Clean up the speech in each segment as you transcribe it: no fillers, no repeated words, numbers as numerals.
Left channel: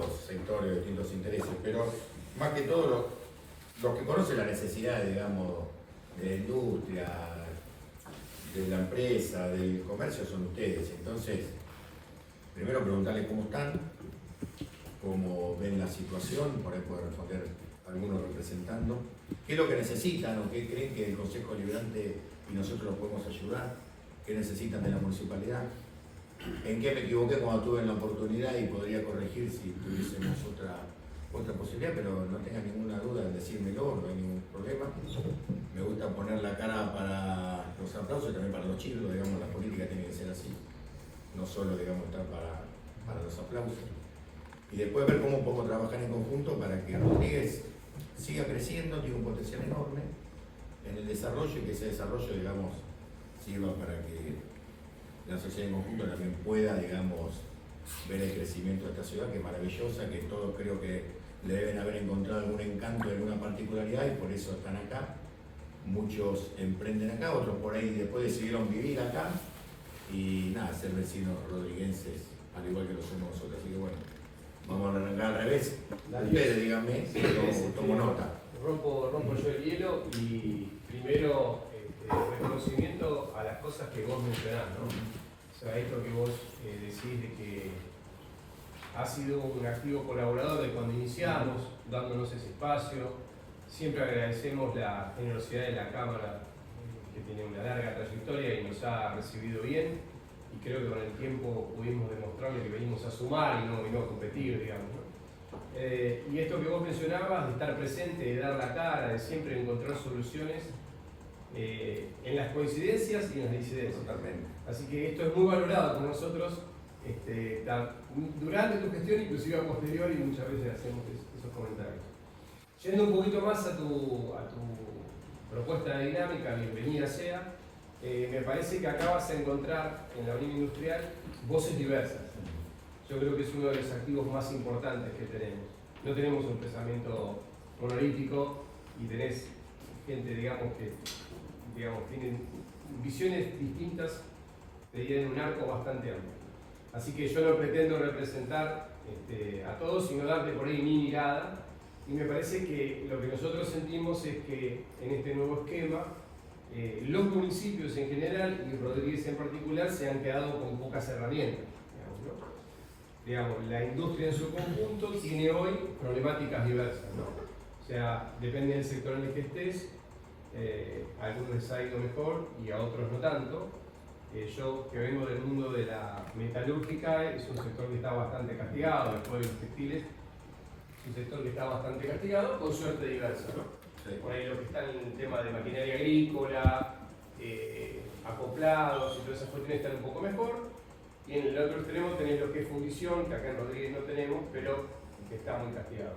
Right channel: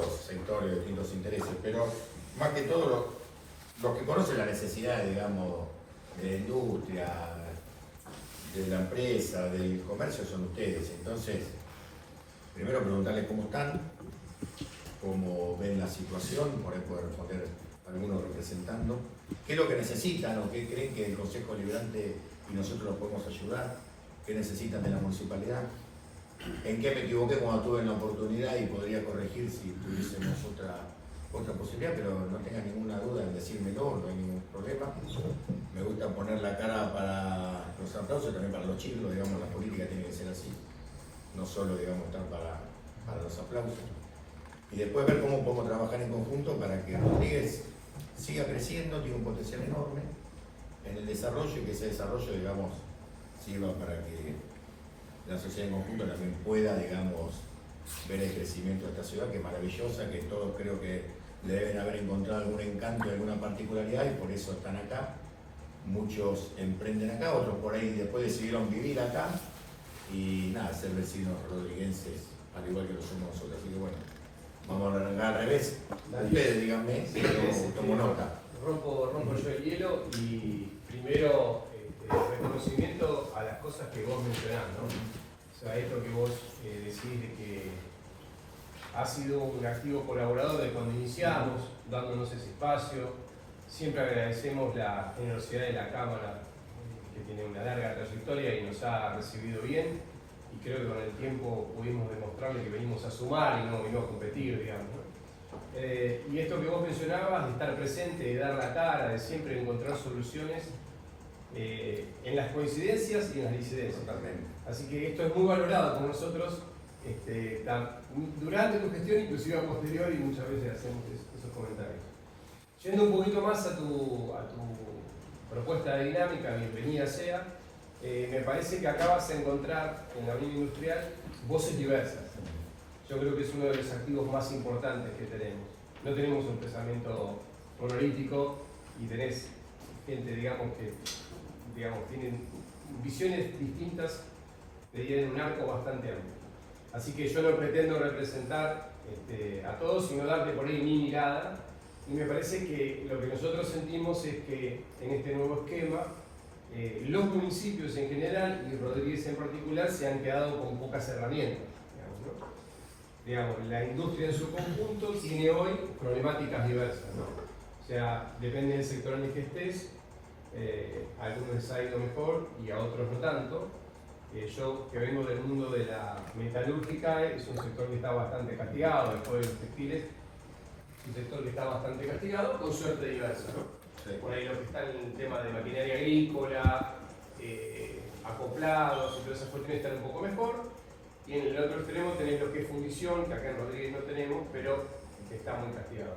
distintos sectores, distintos intereses, pero más que todo los que conocen la necesidad, digamos, de la industria, de la empresa, del comercio son ustedes. Entonces, primero preguntarles cómo están, cómo ven la situación, por ahí puede responder algunos representando, qué es lo que necesitan o qué creen que el Consejo Deliberante y nosotros los podemos ayudar, qué necesitan de la municipalidad, en qué me equivoqué cuando tuve la oportunidad y podría corregir si tuviésemos otra posibilidad, pero no tengan ninguna duda en decírmelo, no hay ningún problema. Me gusta poner la cara para los aplausos y también para los chicos, digamos, la política tiene que ser así, no solo, digamos, estar para los aplausos. Y después ver cómo podemos trabajar en conjunto para que Rodríguez siga creciendo, tiene un potencial enorme en el desarrollo y que ese desarrollo, digamos, sirva para que la sociedad en conjunto también pueda, digamos, ver el crecimiento de esta ciudad, que es maravillosa, que todos creo que le deben haber encontrado algún encanto, alguna particularidad y por eso están acá. Muchos emprenden acá, otros por ahí después decidieron vivir acá y nada, ser vecinos rodriguenses, al igual que lo somos nosotros. Así que bueno, vamos a arrancar al revés. Ustedes díganme, yo tomo nota. Rompo yo el hielo y primero reconocimiento a las cosas que vos mencionás, ¿no? O sea, esto que vos decís de que has sido un activo colaborador de cuando iniciamos, dándonos ese espacio. Siempre agradecemos la generosidad de la Cámara, que tiene una larga trayectoria y nos ha recibido bien. Y creo que con el tiempo pudimos demostrarle que venimos a sumar y no a competir, digamos, ¿no? Y esto que vos mencionabas, de estar presente, de dar la cara, de siempre encontrar soluciones en las coincidencias y en las disidencias. Totalmente. Así que esto es muy valorado por nosotros durante tu gestión, inclusive a posteriori, y muchas veces hacemos esos comentarios. Yendo un poquito más a tu propuesta de dinámica, bienvenida sea. Me parece que acá vas a encontrar en la Avenida Industrial voces diversas. Yo creo que es uno de los activos más importantes que tenemos. No tenemos un pensamiento monolítico y tenés gente, digamos, que tienen visiones distintas en un arco bastante amplio. Así que yo no pretendo representar a todos, sino darte por ahí mi mirada. Y me parece que lo que nosotros sentimos es que en este nuevo esquema, los municipios en general y Rodríguez en particular se han quedado con pocas herramientas. Digamos, la industria en su conjunto tiene hoy problemáticas diversas, ¿no? O sea, depende del sector en el que estés, a algunos les ha ido mejor y a otros no tanto. Yo, que vengo del mundo de la metalúrgica, es un sector que está bastante castigado, después de los textiles, es un sector que está bastante castigado, con suerte diversa, ¿no? Sí. Por ahí los que están en el tema de maquinaria agrícola, acoplados y todas esas cuestiones están un poco mejor. Y en el otro extremo tenés lo que es fundición, que acá en Rodríguez no tenemos, pero que está muy castigado.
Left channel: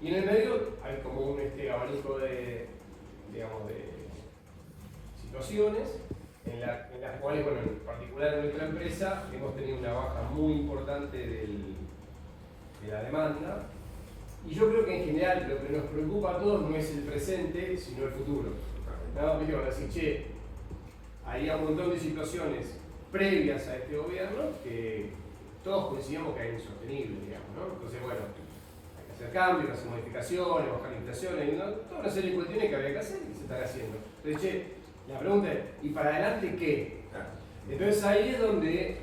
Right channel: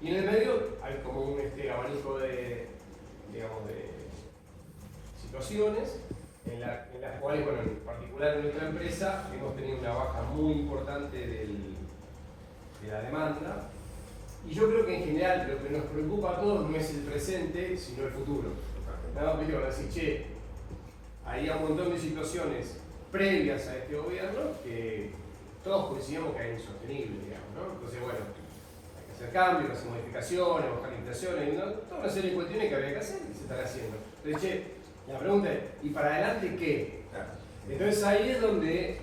Y en el medio hay como un abanico de situaciones en las cuales, bueno, en particular en nuestra empresa, hemos tenido una baja muy importante de la demanda. Y yo creo que en general lo que nos preocupa a todos no es el presente, sino el futuro. Nada más que decir, che, hay un montón de situaciones previas a este gobierno que todos coincidimos que es insostenible, digamos, ¿no? Entonces, bueno, hay que hacer cambios, hacer modificaciones, bajar limitaciones, ¿no? Toda una serie de cuestiones que había que hacer y se están haciendo. Entonces, che, la pregunta es, ¿y para adelante qué? Entonces ahí es donde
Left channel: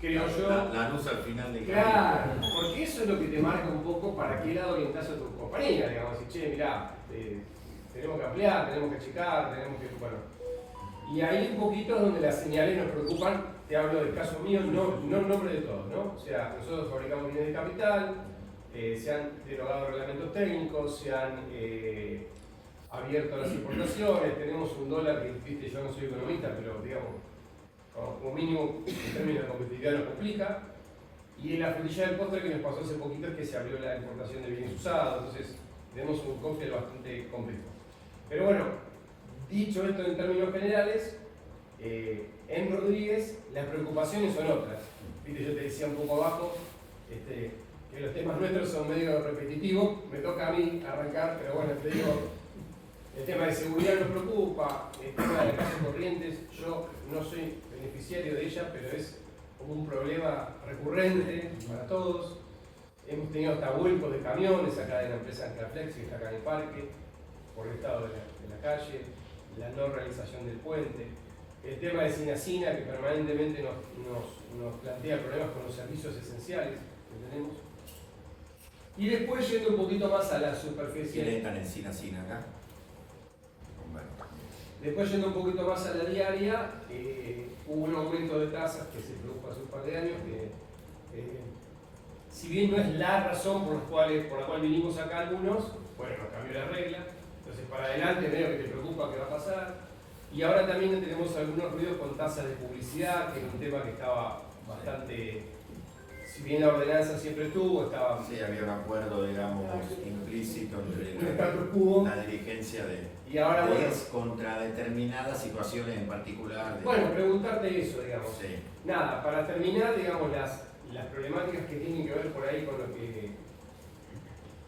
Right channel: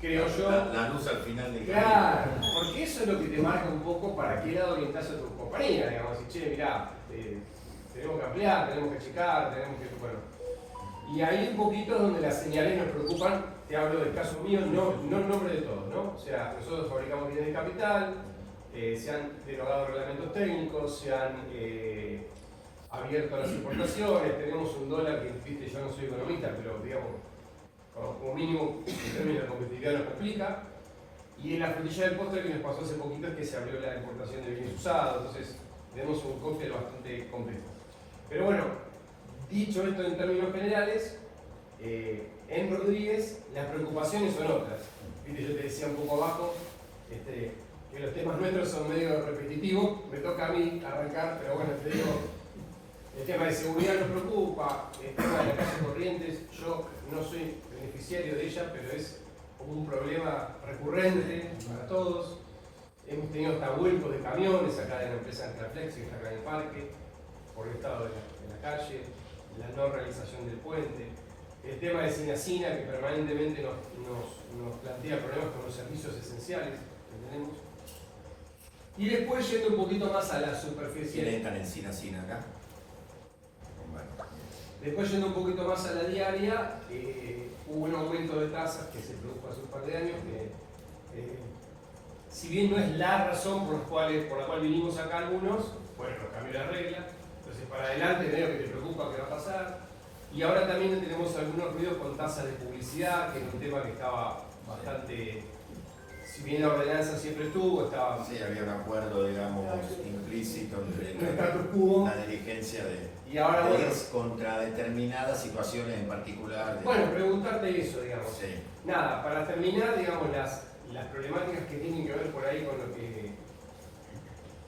creo yo... La luz al final del camino. Claro, porque eso es lo que te marca un poco para qué lado orientás a tu compañía, digamos, decir, che, mirá, tenemos que ampliar, tenemos que achicar, tenemos que... Bueno. Y ahí un poquito es donde las señales nos preocupan, te hablo del caso mío, no en nombre de todos, ¿no? O sea, nosotros fabricamos bienes de capital, se han derogado reglamentos técnicos, se han abierto las exportaciones, tenemos un dólar que, viste, yo no soy economista, pero digamos, como mínimo en términos de competitividad nos complica. Y en la frutilla del postre que nos pasó hace poquito es que se abrió la importación de bienes usados, entonces tenemos un cóctel bastante complejo. Pero bueno, dicho esto en términos generales, en Rodríguez las preocupaciones son otras. ¿Viste? Yo te decía un poco abajo que los temas nuestros son medio repetitivos, me toca a mí arrancar, pero bueno, te digo, el tema de seguridad nos preocupa, el tema de calle Corrientes, yo no soy beneficiario de ella, pero es como un problema recurrente para todos. hemos tenido hasta vueltos de camiones acá en la empresa Antraflex, que está acá en el parque, por el estado de la calle, la no realización del puente, el tema de Sinacina, que permanentemente nos plantea problemas con los servicios esenciales que tenemos. Y después, yendo un poquito más a la superficie. ¿Quiénes están en Sinacina acá? Después, yendo un poquito más a la diaria, hubo un aumento de tasas que se produjo hace un par de años, que si bien no es la razón por la cual vinimos acá algunos, bueno, nos cambió la regla. Entonces, para adelante, veo que te preocupa qué va a pasar. Y ahora también tenemos algunos ruidos con tasas de publicidad, que era un tema que estaba bastante, si bien la ordenanza siempre estuvo, estaba... Sí, había un acuerdo, digamos, implícito un entre status quo. la dirigencia de Y ahora, bueno, contra determinadas situaciones en particular. Bueno, preguntarte eso, digamos. Sí. Nada, para terminar, digamos, las problemáticas que tienen que ver por ahí con lo que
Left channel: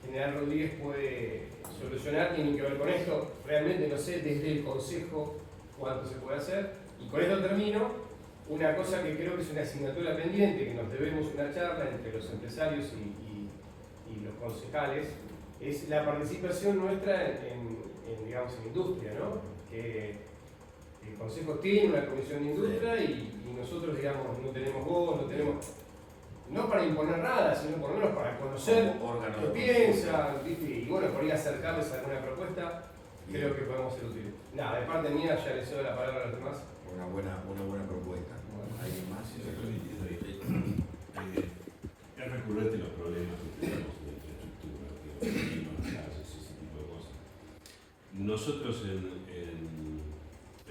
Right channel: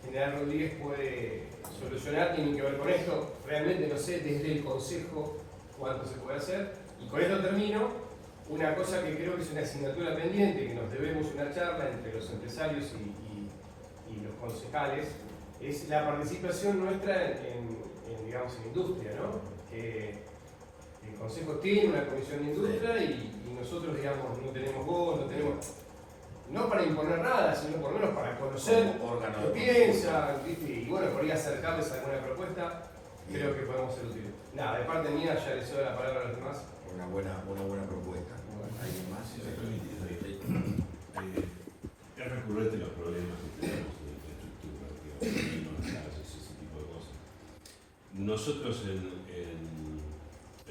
General Rodríguez puede solucionar, tienen que ver con esto. Realmente no sé desde el Consejo cuánto se puede hacer. Y con esto termino. Una cosa que creo que es una asignatura pendiente, que nos debemos una charla entre los empresarios y los concejales, es la participación nuestra digamos, en industria, ¿no? El Consejo tiene una comisión de industria y nosotros, digamos, no tenemos voz, no para imponer nada, sino por lo menos para conocer qué piensan, ¿viste? Y bueno, por ir a acercarles alguna propuesta, creo que podemos ser útiles. Nada, de parte mía ya les doy la palabra a los demás. Una buena propuesta. ¿Alguien más? Es recurrente los problemas que tenemos en la infraestructura, las calles, ese tipo de cosas. Nosotros en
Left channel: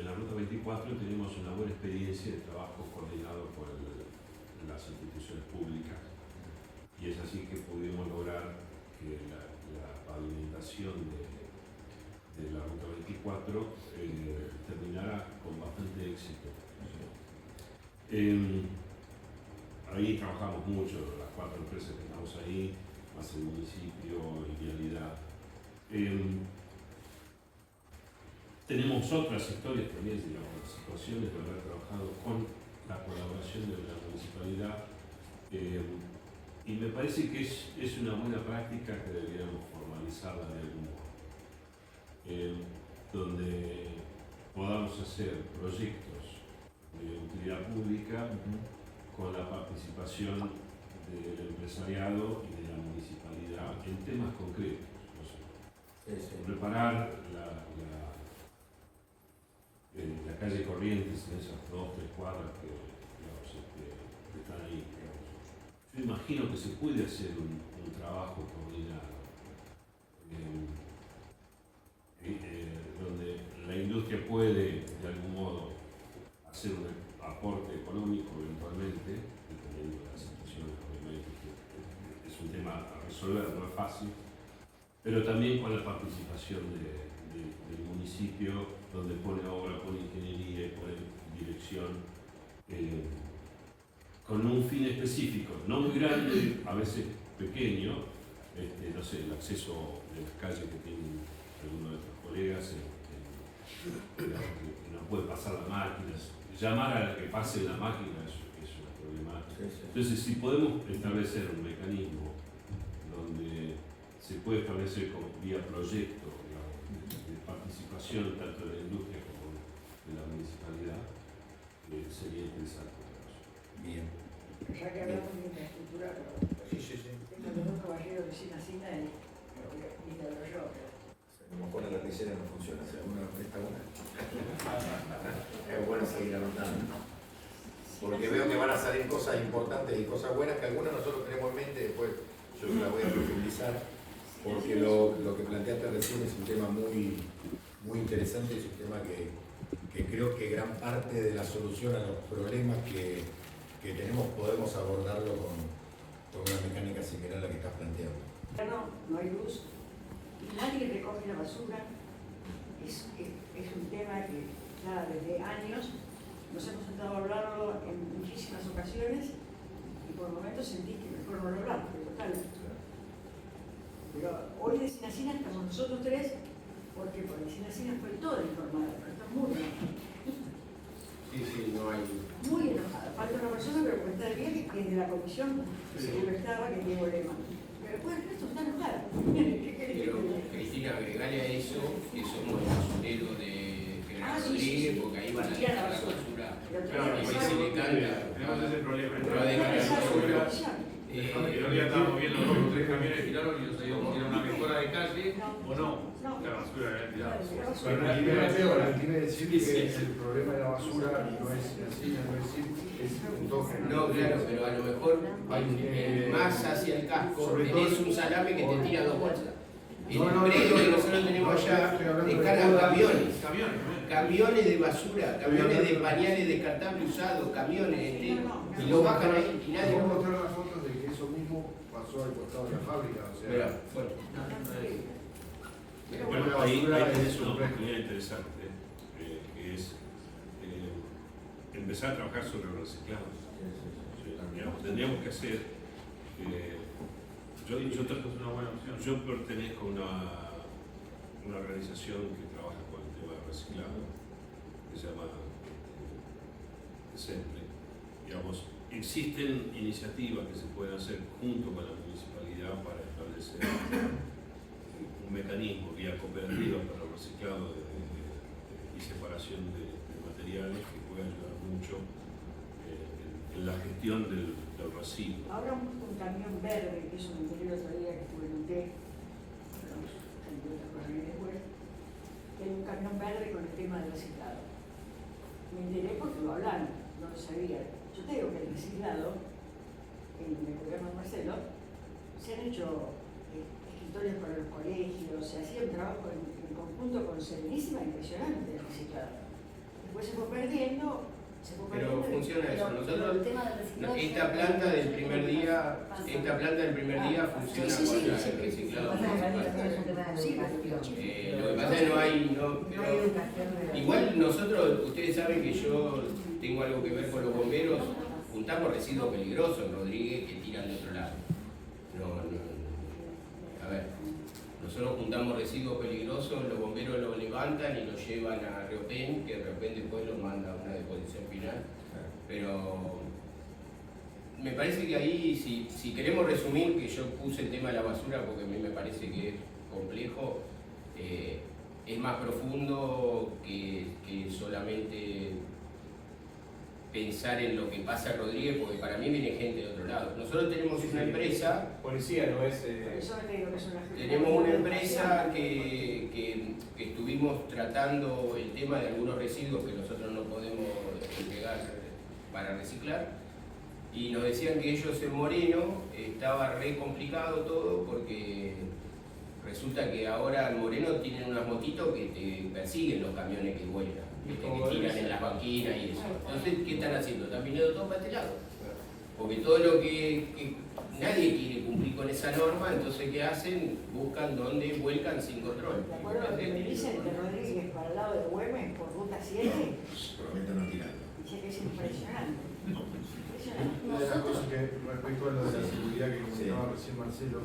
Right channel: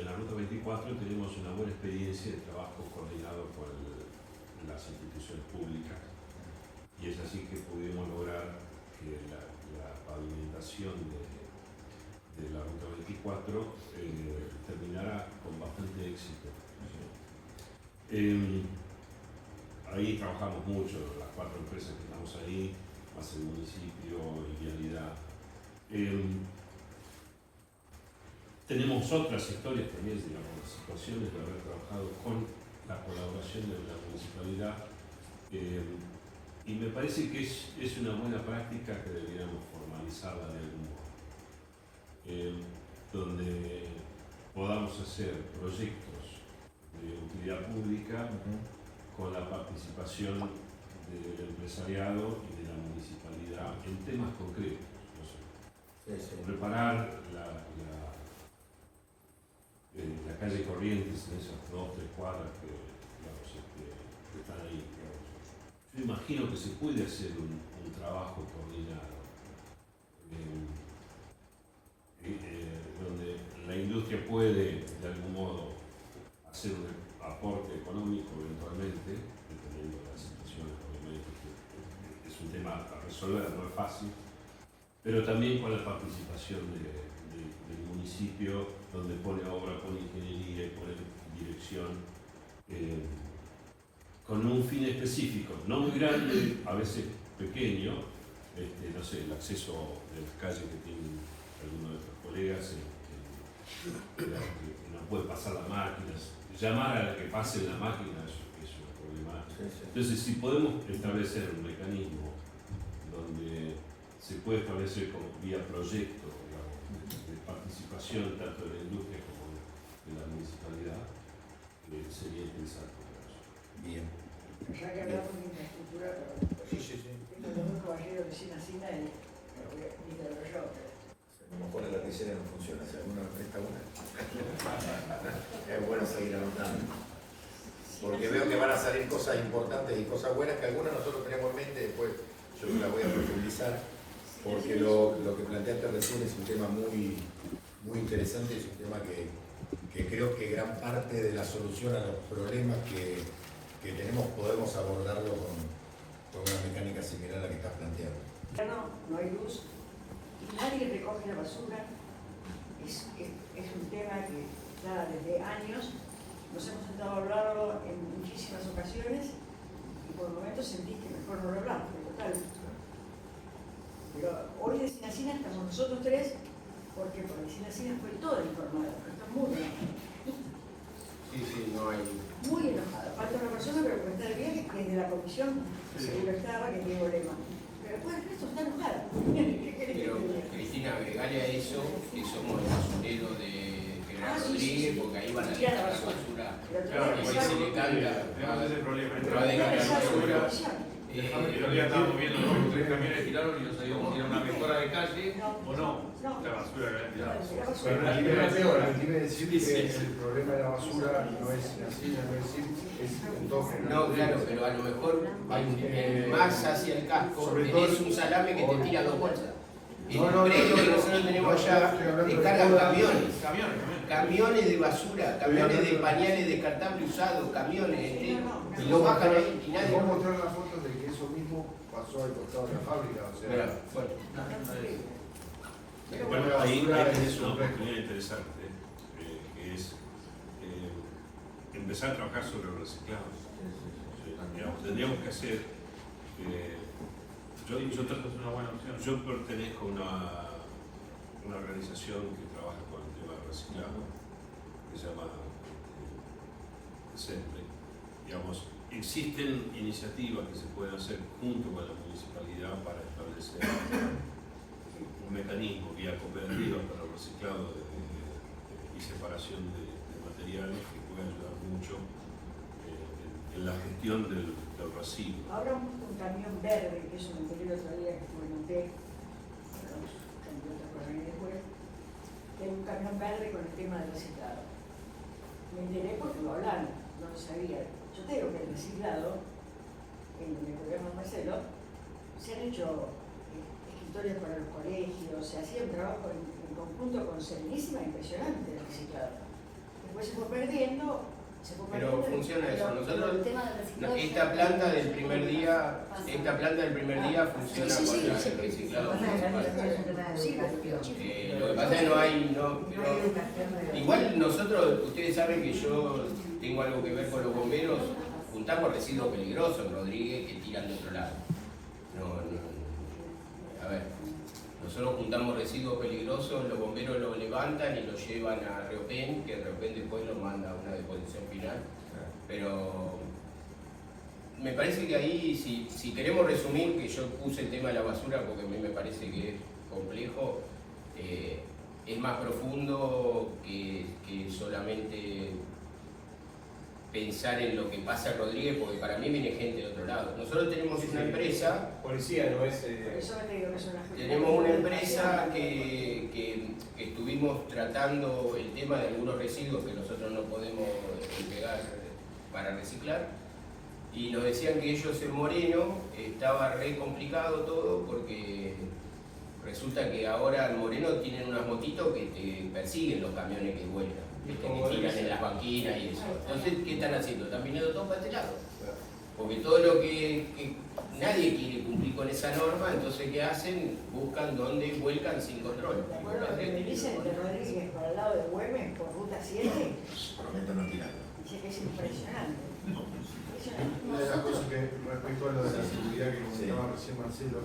la Ruta 24 tenemos una buena experiencia de trabajo coordinado con las instituciones públicas y es así que pudimos lograr que la pavimentación de la Ruta 24 terminara con bastante éxito. Ahí trabajamos mucho, las 4 empresas que estamos ahí, más el municipio y Vialidad. Tenemos otras historias también, digamos, situaciones de haber trabajado con la colaboración de la municipalidad y me parece que es una buena práctica que deberíamos formalizarla de algún modo, donde podamos hacer proyectos de utilidad pública con la participación del empresariado y de la municipalidad en temas concretos. O sea, preparar la calle Corrientes en esas 2 o 3 cuadras que, que están ahí. Yo imagino que se puede hacer un trabajo coordinado donde la industria puede de algún modo hacer un aporte económico eventualmente, dependiendo de las situaciones, obviamente, que es un tema a resolver, no es fácil, pero también con la participación del municipio, donde pone obra, pone ingeniería y pone dirección, con un fin específico, no muy grande, a veces pequeño, no sé, el acceso de las calles que tienen algunos de nuestros colegas, que no puede pasar las máquinas, llamar a la que pase la máquina es una problemática. Entonces, si podemos establecer un mecanismo donde se puede establecer como vía proyecto, digamos, de participación tanto de la industria como de la municipalidad, sería interesante. Bien. Ya que hablamos de infraestructura, pero Sí. esto de un caballero de Sinacina es ídolo yo. A lo mejor la lapicera no funciona, si alguna presta una. Es bueno seguir anotando. Porque veo que van a salir cosas importantes y cosas buenas que algunas nosotros tenemos en mente, después yo las voy a profundizar, porque lo que planteaste recién es un tema muy interesante, es un tema que creo que gran parte de la solución a los problemas que tenemos podemos abordarlo con una mecánica similar a la que estás planteando. Ya no hay luz, nadie recoge la basura, es un tema que ya desde años nos hemos intentado hablarlo en muchísimas ocasiones y por momentos sentí que mejor no lo hablamos, total. Pero hoy de Sinacina estamos nosotros 3, porque por Sinacina fue todo informado, pero está muy enojado. Sí, no hay. Muy enojado. Falta una persona, pero que está de viaje, que es de la comisión, seguro estaba, que es Diego Lema. agregale a eso que somos el basurero de General Rodríguez, porque ahí van a dejar la basura. Claro, Y ahí se le canta. Tenemos ese problema. Va a dejar la basura. El otro día estábamos viendo cómo 3 camiones tiraron y no sabíamos si era una mejora de calle o no. La basura que habían tirado. Permíteme decir que el problema de la basura no es así, no es decir, es en todo general. No, claro, pero a lo mejor más hacia el casco tenés un salame que te tira 2 bolsas. El predio que nosotros tenemos allá descargan camiones de basura, camiones de pañales descartables usados, camiones, y lo bajan ahí y nadie Puedo lo... mostrar las fotos de que eso mismo pasó al costado de la fábrica, o sea, Bueno, ahí tenés una oportunidad interesante, que es empezar a trabajar sobre el reciclado. Digamos, tendríamos que hacer. Yo pertenezco a una organización que trabaja con el tema del reciclado, que se llama SEMPRE. Digamos, existen iniciativas que se pueden hacer junto con la municipalidad para establecer un mecanismo vía cooperativa para el reciclado y separación de materiales que puede ayudar mucho en la gestión del residuo. Ahora un camión verde, que eso me enteré el otro día que estuve en un té, hay un camión verde con el tema del reciclado. Me enteré porque lo hablaron, no lo sabía. Yo te digo que el reciclado, en el gobierno de Marcelo, se han hecho escritorios para los colegios, se hacía un trabajo en conjunto con Serenísima impresionante el reciclado. Después se fue perdiendo. Pero funciona eso. Nosotros, el tema del reciclado esta planta del primer día funciona con el reciclado municipal. Lo que pasa es que no hay, igual nosotros, ustedes saben que yo tengo algo que ver con los bomberos, juntamos residuos peligrosos en Rodríguez que tiran de otro lado. A ver, nosotros juntamos residuos peligrosos, los bomberos lo levantan y lo llevan a Reopen, que Reopen después lo manda a una deposición final. Pero me parece que ahí, si queremos resumir, que yo puse el tema de la basura porque a mí me parece que es complejo, es más profundo que solamente pensar en lo que pasa en Rodríguez, porque para mí viene gente de otro lado. Nosotros tenemos una empresa, Policía no es... tenemos una empresa que estuvimos tratando el tema de algunos residuos que nosotros no podemos pegar para reciclar, y nos decían que ellos en Moreno estaba re complicado todo porque resulta que ahora en Moreno tienen unas motitos que te persiguen los camiones que vuelcan, que te tiran en las banquinas y eso. Entonces, ¿qué están haciendo? Están viniendo todos para este lado. Porque todo lo que nadie quiere cumplir con esa norma, entonces ¿qué hacen? Buscan dónde vuelcan sin control. Bueno, lo que me dicen que Rodríguez para el lado de Güemes por ruta 7, Prometen no tirarlo. dice que es impresionante. Una de las cosas que respecto a lo de la seguridad que comentaba recién Marcelo,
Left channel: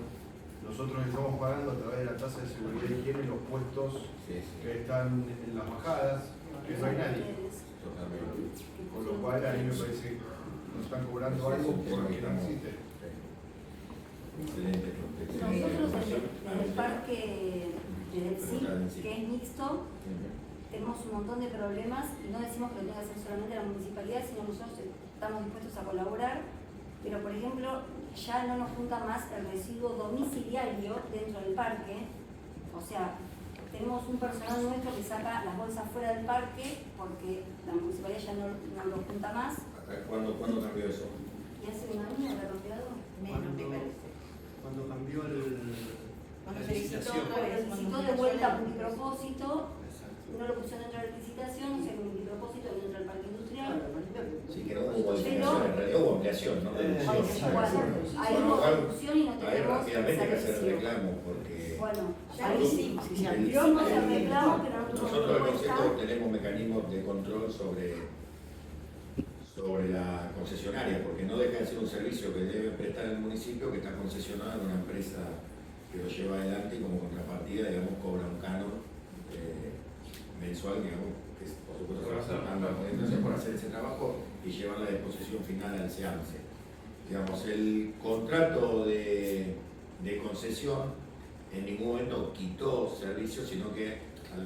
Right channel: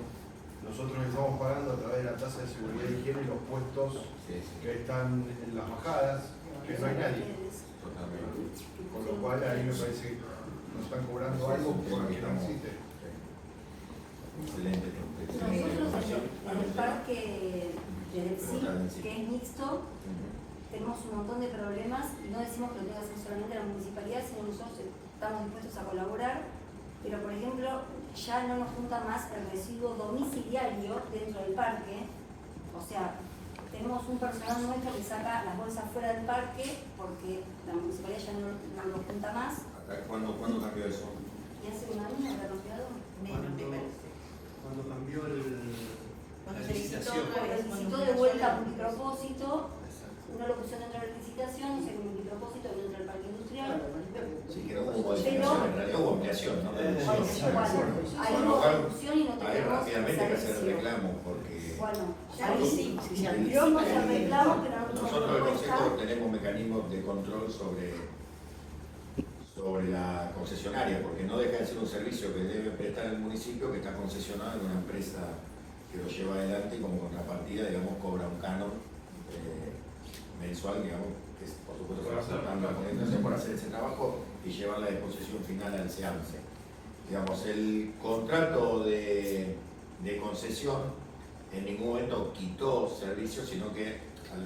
nosotros estamos pagando a través de la tasa de seguridad y higiene los puestos que están en las bajadas, que no hay nadie. Con lo cual a mí me parece que nos están cobrando algo por lo que no existe. Excelente. Nosotros en el parque de Delcy, que es mixto, tenemos un montón de problemas y no decimos que lo tenga que hacer solamente la municipalidad, sino nosotros estamos dispuestos a colaborar, pero por ejemplo ya no nos junta más el residuo domiciliario dentro del parque, o sea, tenemos un personal nuestro que saca las bolsas fuera del parque porque la municipalidad ya no lo junta más. ¿Cuándo cambió eso? ¿Y hace un año habrá cambiado? Menos, me parece. Cuando cambió Cuando la se licitó, Necesitó de vuelta a multipropósito, no lo pusieron dentro de la licitación, o sea, el multipropósito dentro del parque industrial. Sí, que no hubo definición, en realidad hubo ampliación, ¿no? Ahí hubo discusión y no Hay tenemos rápidamente que hacer servicio. reclamo porque Bueno, Ahí sí, si se amplió, hicimos no se el reclamo, arregló. pero no tuvimos nosotros el respuesta. Consejo tenemos mecanismos de control sobre la concesionaria, porque no deja de ser un servicio que debe prestar el municipio que está concesionado en una empresa que lo lleva adelante y como contrapartida, digamos, cobra un canon mensual, digamos, que por supuesto se va acercando a la organización por hacer ese trabajo y llevar la disposición final al SEAMSE. Digamos, el contrato de concesión en ningún momento quitó servicios, sino que a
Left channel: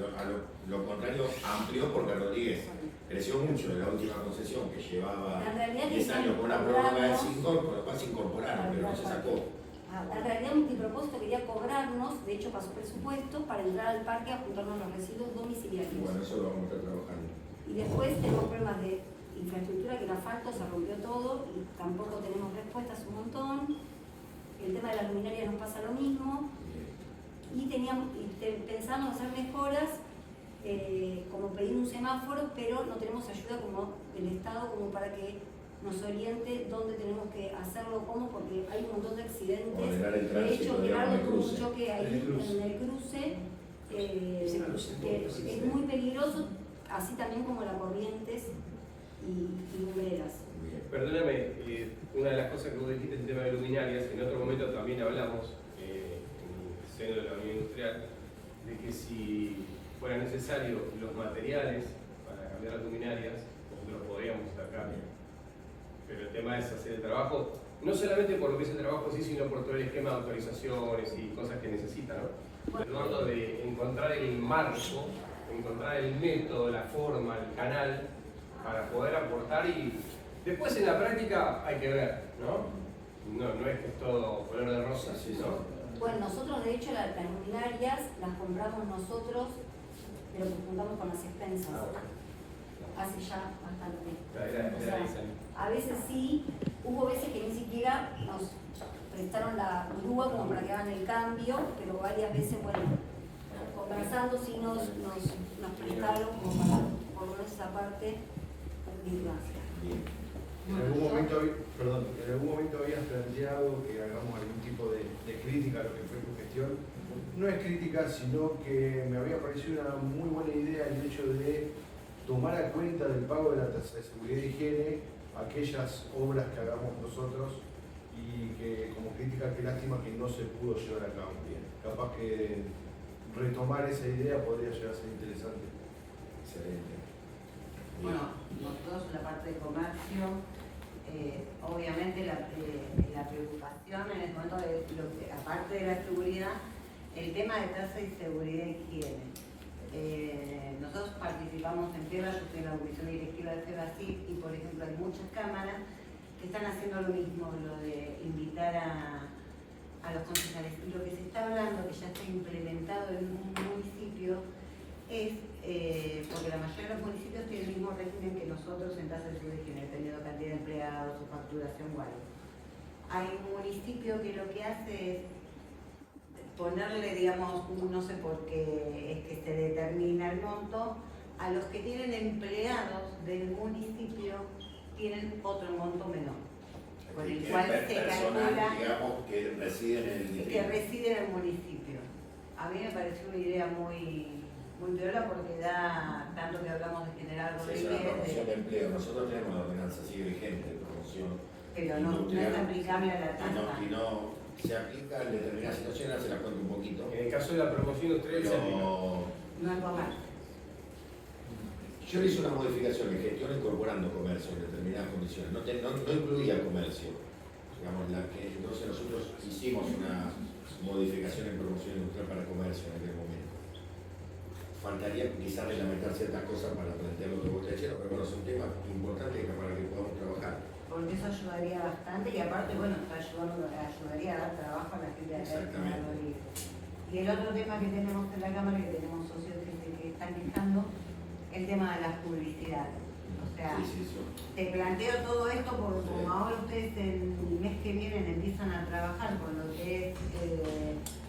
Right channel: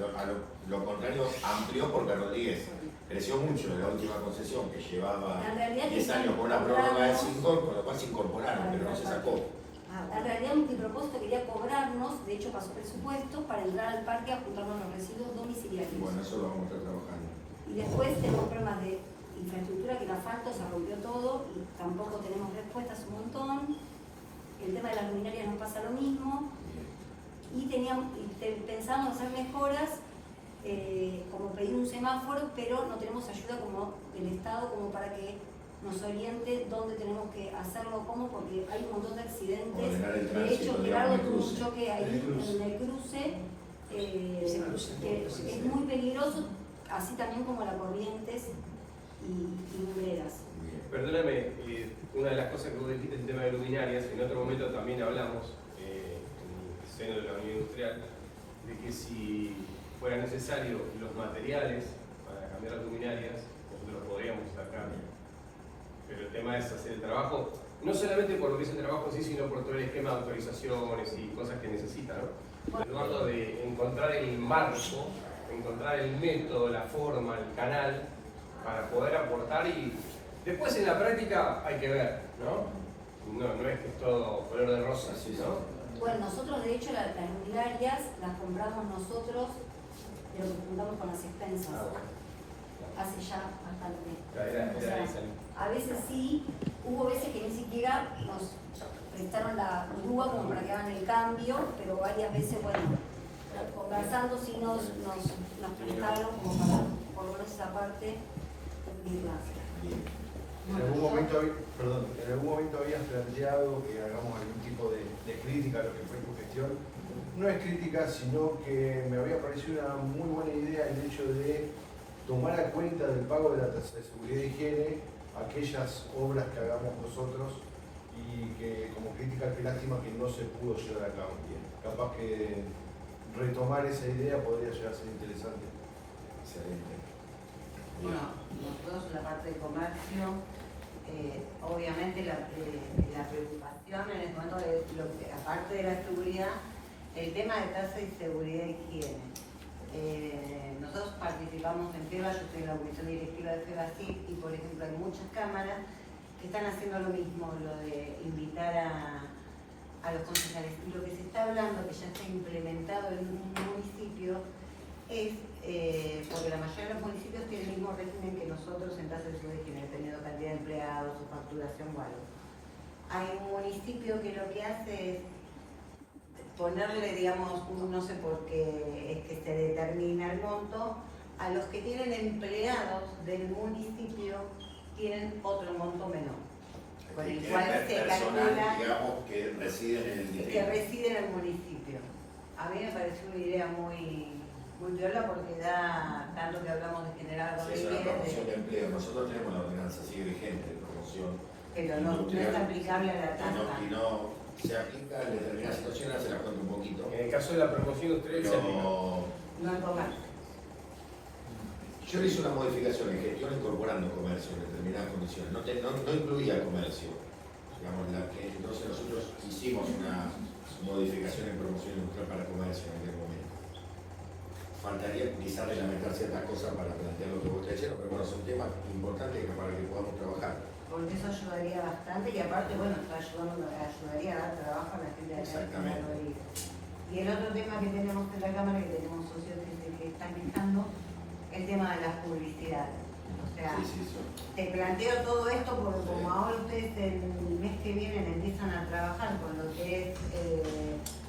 lo contrario amplió, porque Rodríguez creció mucho en la última concesión, que llevaba En realidad 10 años con una prórroga de 5, con lo cual se incorporaron, pero no se sacó. En realidad Multipropósito quería cobrarnos, de hecho pasó presupuesto, para entrar al parque a juntarnos los residuos domiciliarios. Y bueno, eso lo vamos a estar trabajando. Y después tenemos problemas de infraestructura, que el asfalto se rompió todo y tampoco tenemos respuestas un montón. El tema de las luminarias nos pasa lo mismo. Y pensamos hacer mejoras, como pedir un semáforo, pero no tenemos ayuda como del Estado como para que nos oriente dónde tenemos que hacerlo, cómo, porque hay un montón de accidentes. De hecho, Gerardo tuvo un choque ahí en el cruce, que es muy peligroso, así también como la Corrientes y Lumbreras. Perdóname, una de las cosas que vos dijiste es el tema de luminarias. En otro momento también hablamos, en el seno de la Unión Industrial, de que si fuera necesario los materiales para cambiar las luminarias, nosotros podríamos sacar. Pero el tema es hacer el trabajo, no solamente por lo que es el trabajo en sí, sino por todo el esquema de autorizaciones y cosas que necesita, ¿no? Eduardo, de encontrar el marco, encontrar el método, la forma, el canal, para poder aportar, y después en la práctica hay que ver, ¿no? No es que es todo color de rosa, ¿no? Bueno, nosotros de hecho las luminarias las compramos nosotros, pero que juntamos con las expensas. Hace ya bastante. A veces sí, hubo veces que ni siquiera nos prestaron la grúa como para que hagan el cambio, pero varias veces, bueno, conversando sí nos prestaron como para por lo menos esa parte cumplirla. En algún momento habías planteado que hagamos algún tipo de crítica a lo que fue tu gestión. No es crítica, sino que me había parecido una muy buena idea el hecho de tomar a cuenta del pago de la tasa de seguridad y higiene aquellas obras que hagamos nosotros, y que como crítica, qué lástima que no se pudo llevar a cabo. Bien, capaz que retomar esa idea podría llegar a ser interesante. Excelente. Bueno, nosotros en la parte de comercio, obviamente la preocupación en este momento es, aparte de la seguridad, el tema de tasa y seguridad e higiene. Nosotros participamos en FEBA, yo estoy en la comisión directiva de FEBACIP, y por ejemplo hay muchas cámaras que están haciendo lo mismo, lo de invitar a los concejales. Y lo que se está hablando, que ya está implementado en un municipio, es porque la mayoría de los municipios tienen el mismo régimen que nosotros en tasa de seguridad y higiene, dependiendo de cantidad de empleados, su facturación o algo. Hay un municipio que lo que hace es ponerle, digamos, no sé por qué es que se determina el monto, a los que tienen empleados del municipio tienen otro monto menor, con el cual se calcula que residen en el municipio. A mí me pareció una idea muy piola, porque da tanto que hablamos de generar Rodríguez. Nosotros tenemos la ordenanza así vigente de promoción, pero no es aplicable a la tasa. Y no se aplica en determinadas situaciones, se la cuento un poquito. En el caso de la promoción industrial se aplica. No en comercio. Yo hice una modificación en gestión incorporando comercio en determinadas condiciones. No incluía comercio. Entonces nosotros hicimos una modificación en promoción industrial para comercio en aquel momento. Faltaría quizás reglamentar ciertas cosas para plantear lo que vos te decías, pero bueno, son temas importantes para que podamos trabajar. Porque eso ayudaría bastante, y aparte, bueno, ayudaría a dar trabajo a la gente de acá. Exactamente. Y el otro tema que tenemos en la Cámara, que tenemos socios que están quejando, el tema de la publicidad. O sea, te planteo todo esto porque como ahora ustedes el mes que viene empiezan a trabajar con lo que es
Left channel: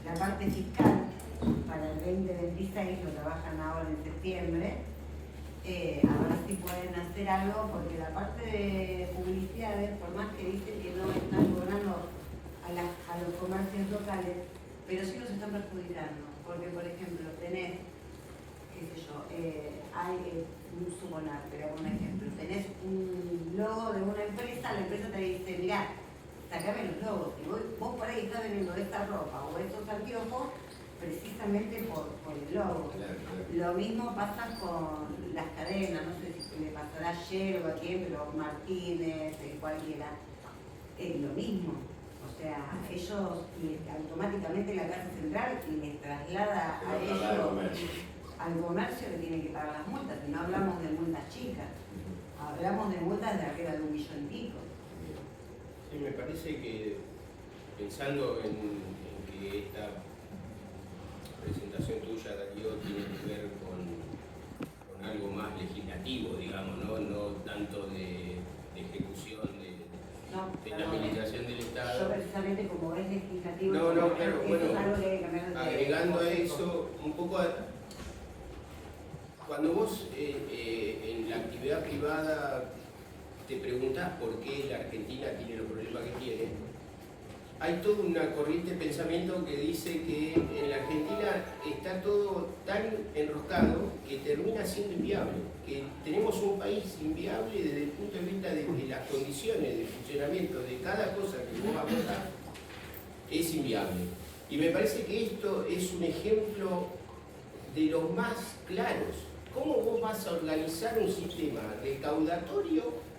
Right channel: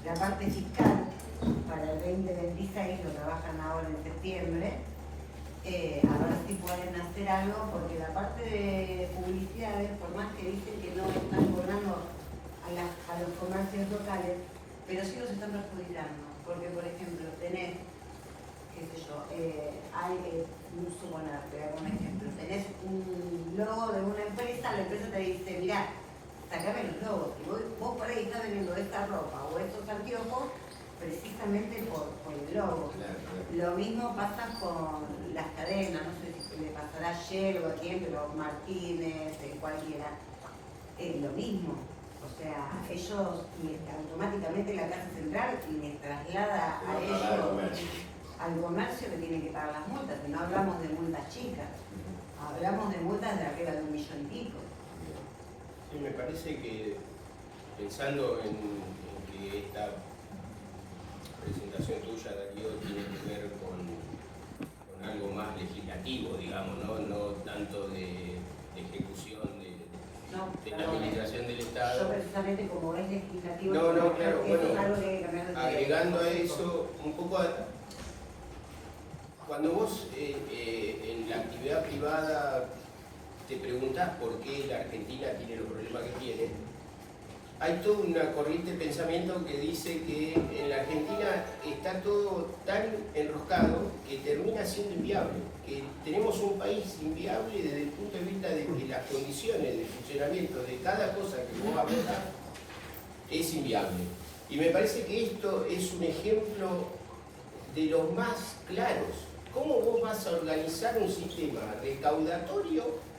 la parte fiscal para el 2026, lo trabajan ahora en septiembre, a ver si pueden hacer algo, porque la parte de publicidades, por más que dicen que no están cobrando a los comercios locales, pero sí los están perjudicando, porque por ejemplo tenés, qué sé yo, suponer, te hago un ejemplo, tenés un logo de una empresa, la empresa te dice, mirá, sacame los logos, y vos por ahí estás vendiendo esta ropa o estos anteojos precisamente por el logo. Lo mismo pasa con las cadenas, no sé si le pasará ayer o a quién, pero Martínez, cualquiera, lo mismo. O sea, ellos automáticamente únicamente la tasa central y les traslada a ellos, al comercio que tiene que pagar las multas, que no hablamos de multas chicas, hablamos de multas de arriba de 1,5 millones. Sí, me parece que pensando en que esta presentación tuya, Darío, tiene que ver con algo más legislativo, digamos, no tanto de ejecución de la administración del Estado. Yo precisamente como es legislativo, No, claro, bueno, es algo que hay que cambiar. agregando a eso un poco cuando vos en la actividad privada te preguntás por qué la Argentina tiene los problemas que tiene, hay toda una corriente de pensamiento que dice que en la Argentina está todo tan enroscado que termina siendo inviable, que tenemos un país inviable desde el punto de vista de que las condiciones de funcionamiento de cada cosa que vos abordás es inviable. Y me parece que esto es un ejemplo de los más claros. ¿Cómo vos vas a organizar un sistema recaudatorio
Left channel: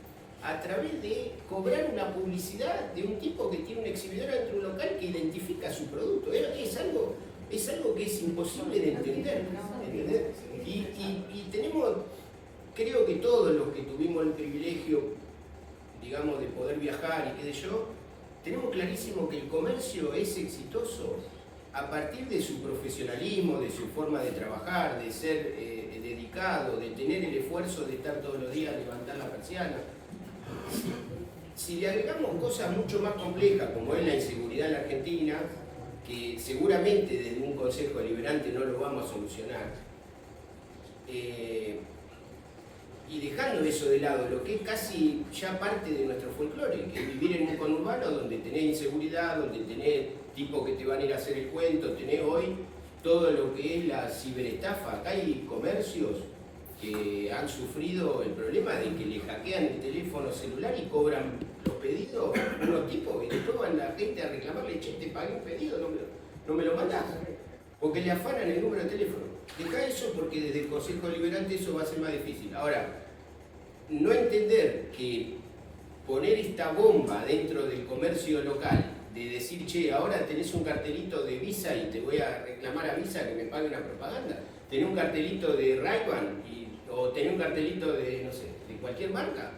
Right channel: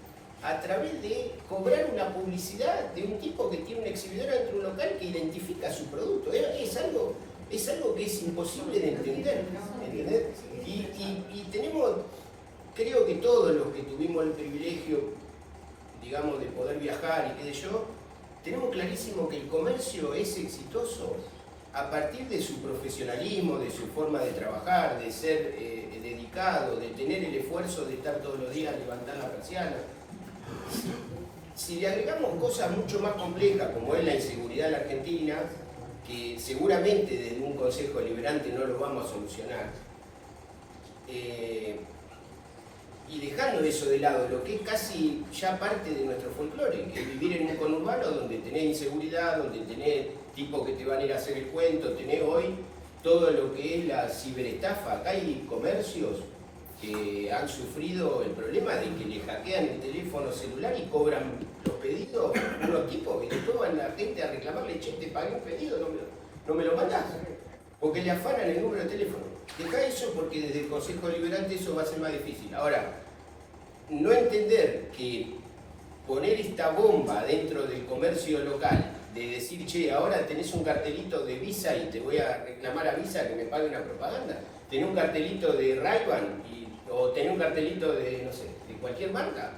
a través de cobrar una publicidad de un tipo que tiene una exhibidora dentro de un local que identifica su producto? Es algo que es imposible de entender. ¿Entendés? Y tenemos, creo que todos los que tuvimos el privilegio, digamos, de poder viajar y qué sé yo, tenemos clarísimo que el comercio es exitoso a partir de su profesionalismo, de su forma de trabajar, de ser dedicado, de tener el esfuerzo de estar todos los días a levantar la persiana. Si le agregamos cosas mucho más complejas, como es la inseguridad en la Argentina, que seguramente desde un Consejo Deliberante no lo vamos a solucionar, y dejando eso de lado, lo que es casi ya parte de nuestro folclore, que es vivir en un conurbano donde tenés inseguridad, donde tenés tipos que te van a ir a hacer el cuento, tenés hoy todo lo que es la ciberestafa. Acá hay comercios que han sufrido el problema de que le hackean el teléfono celular y cobran los pedidos, unos tipos que después van la gente a reclamarle, che, te pagué un pedido, no me lo mandás, porque le afanan el número de teléfono. Deja eso porque desde el Consejo Deliberante eso va a ser más difícil. Ahora, no entender que poner esta bomba dentro del comercio local, de decir, che, ahora tenés un cartelito de Visa y te voy a reclamar a Visa que me pague una propaganda, tenés un cartelito de Ray-Ban o tenés un cartelito de, no sé, de cualquier marca,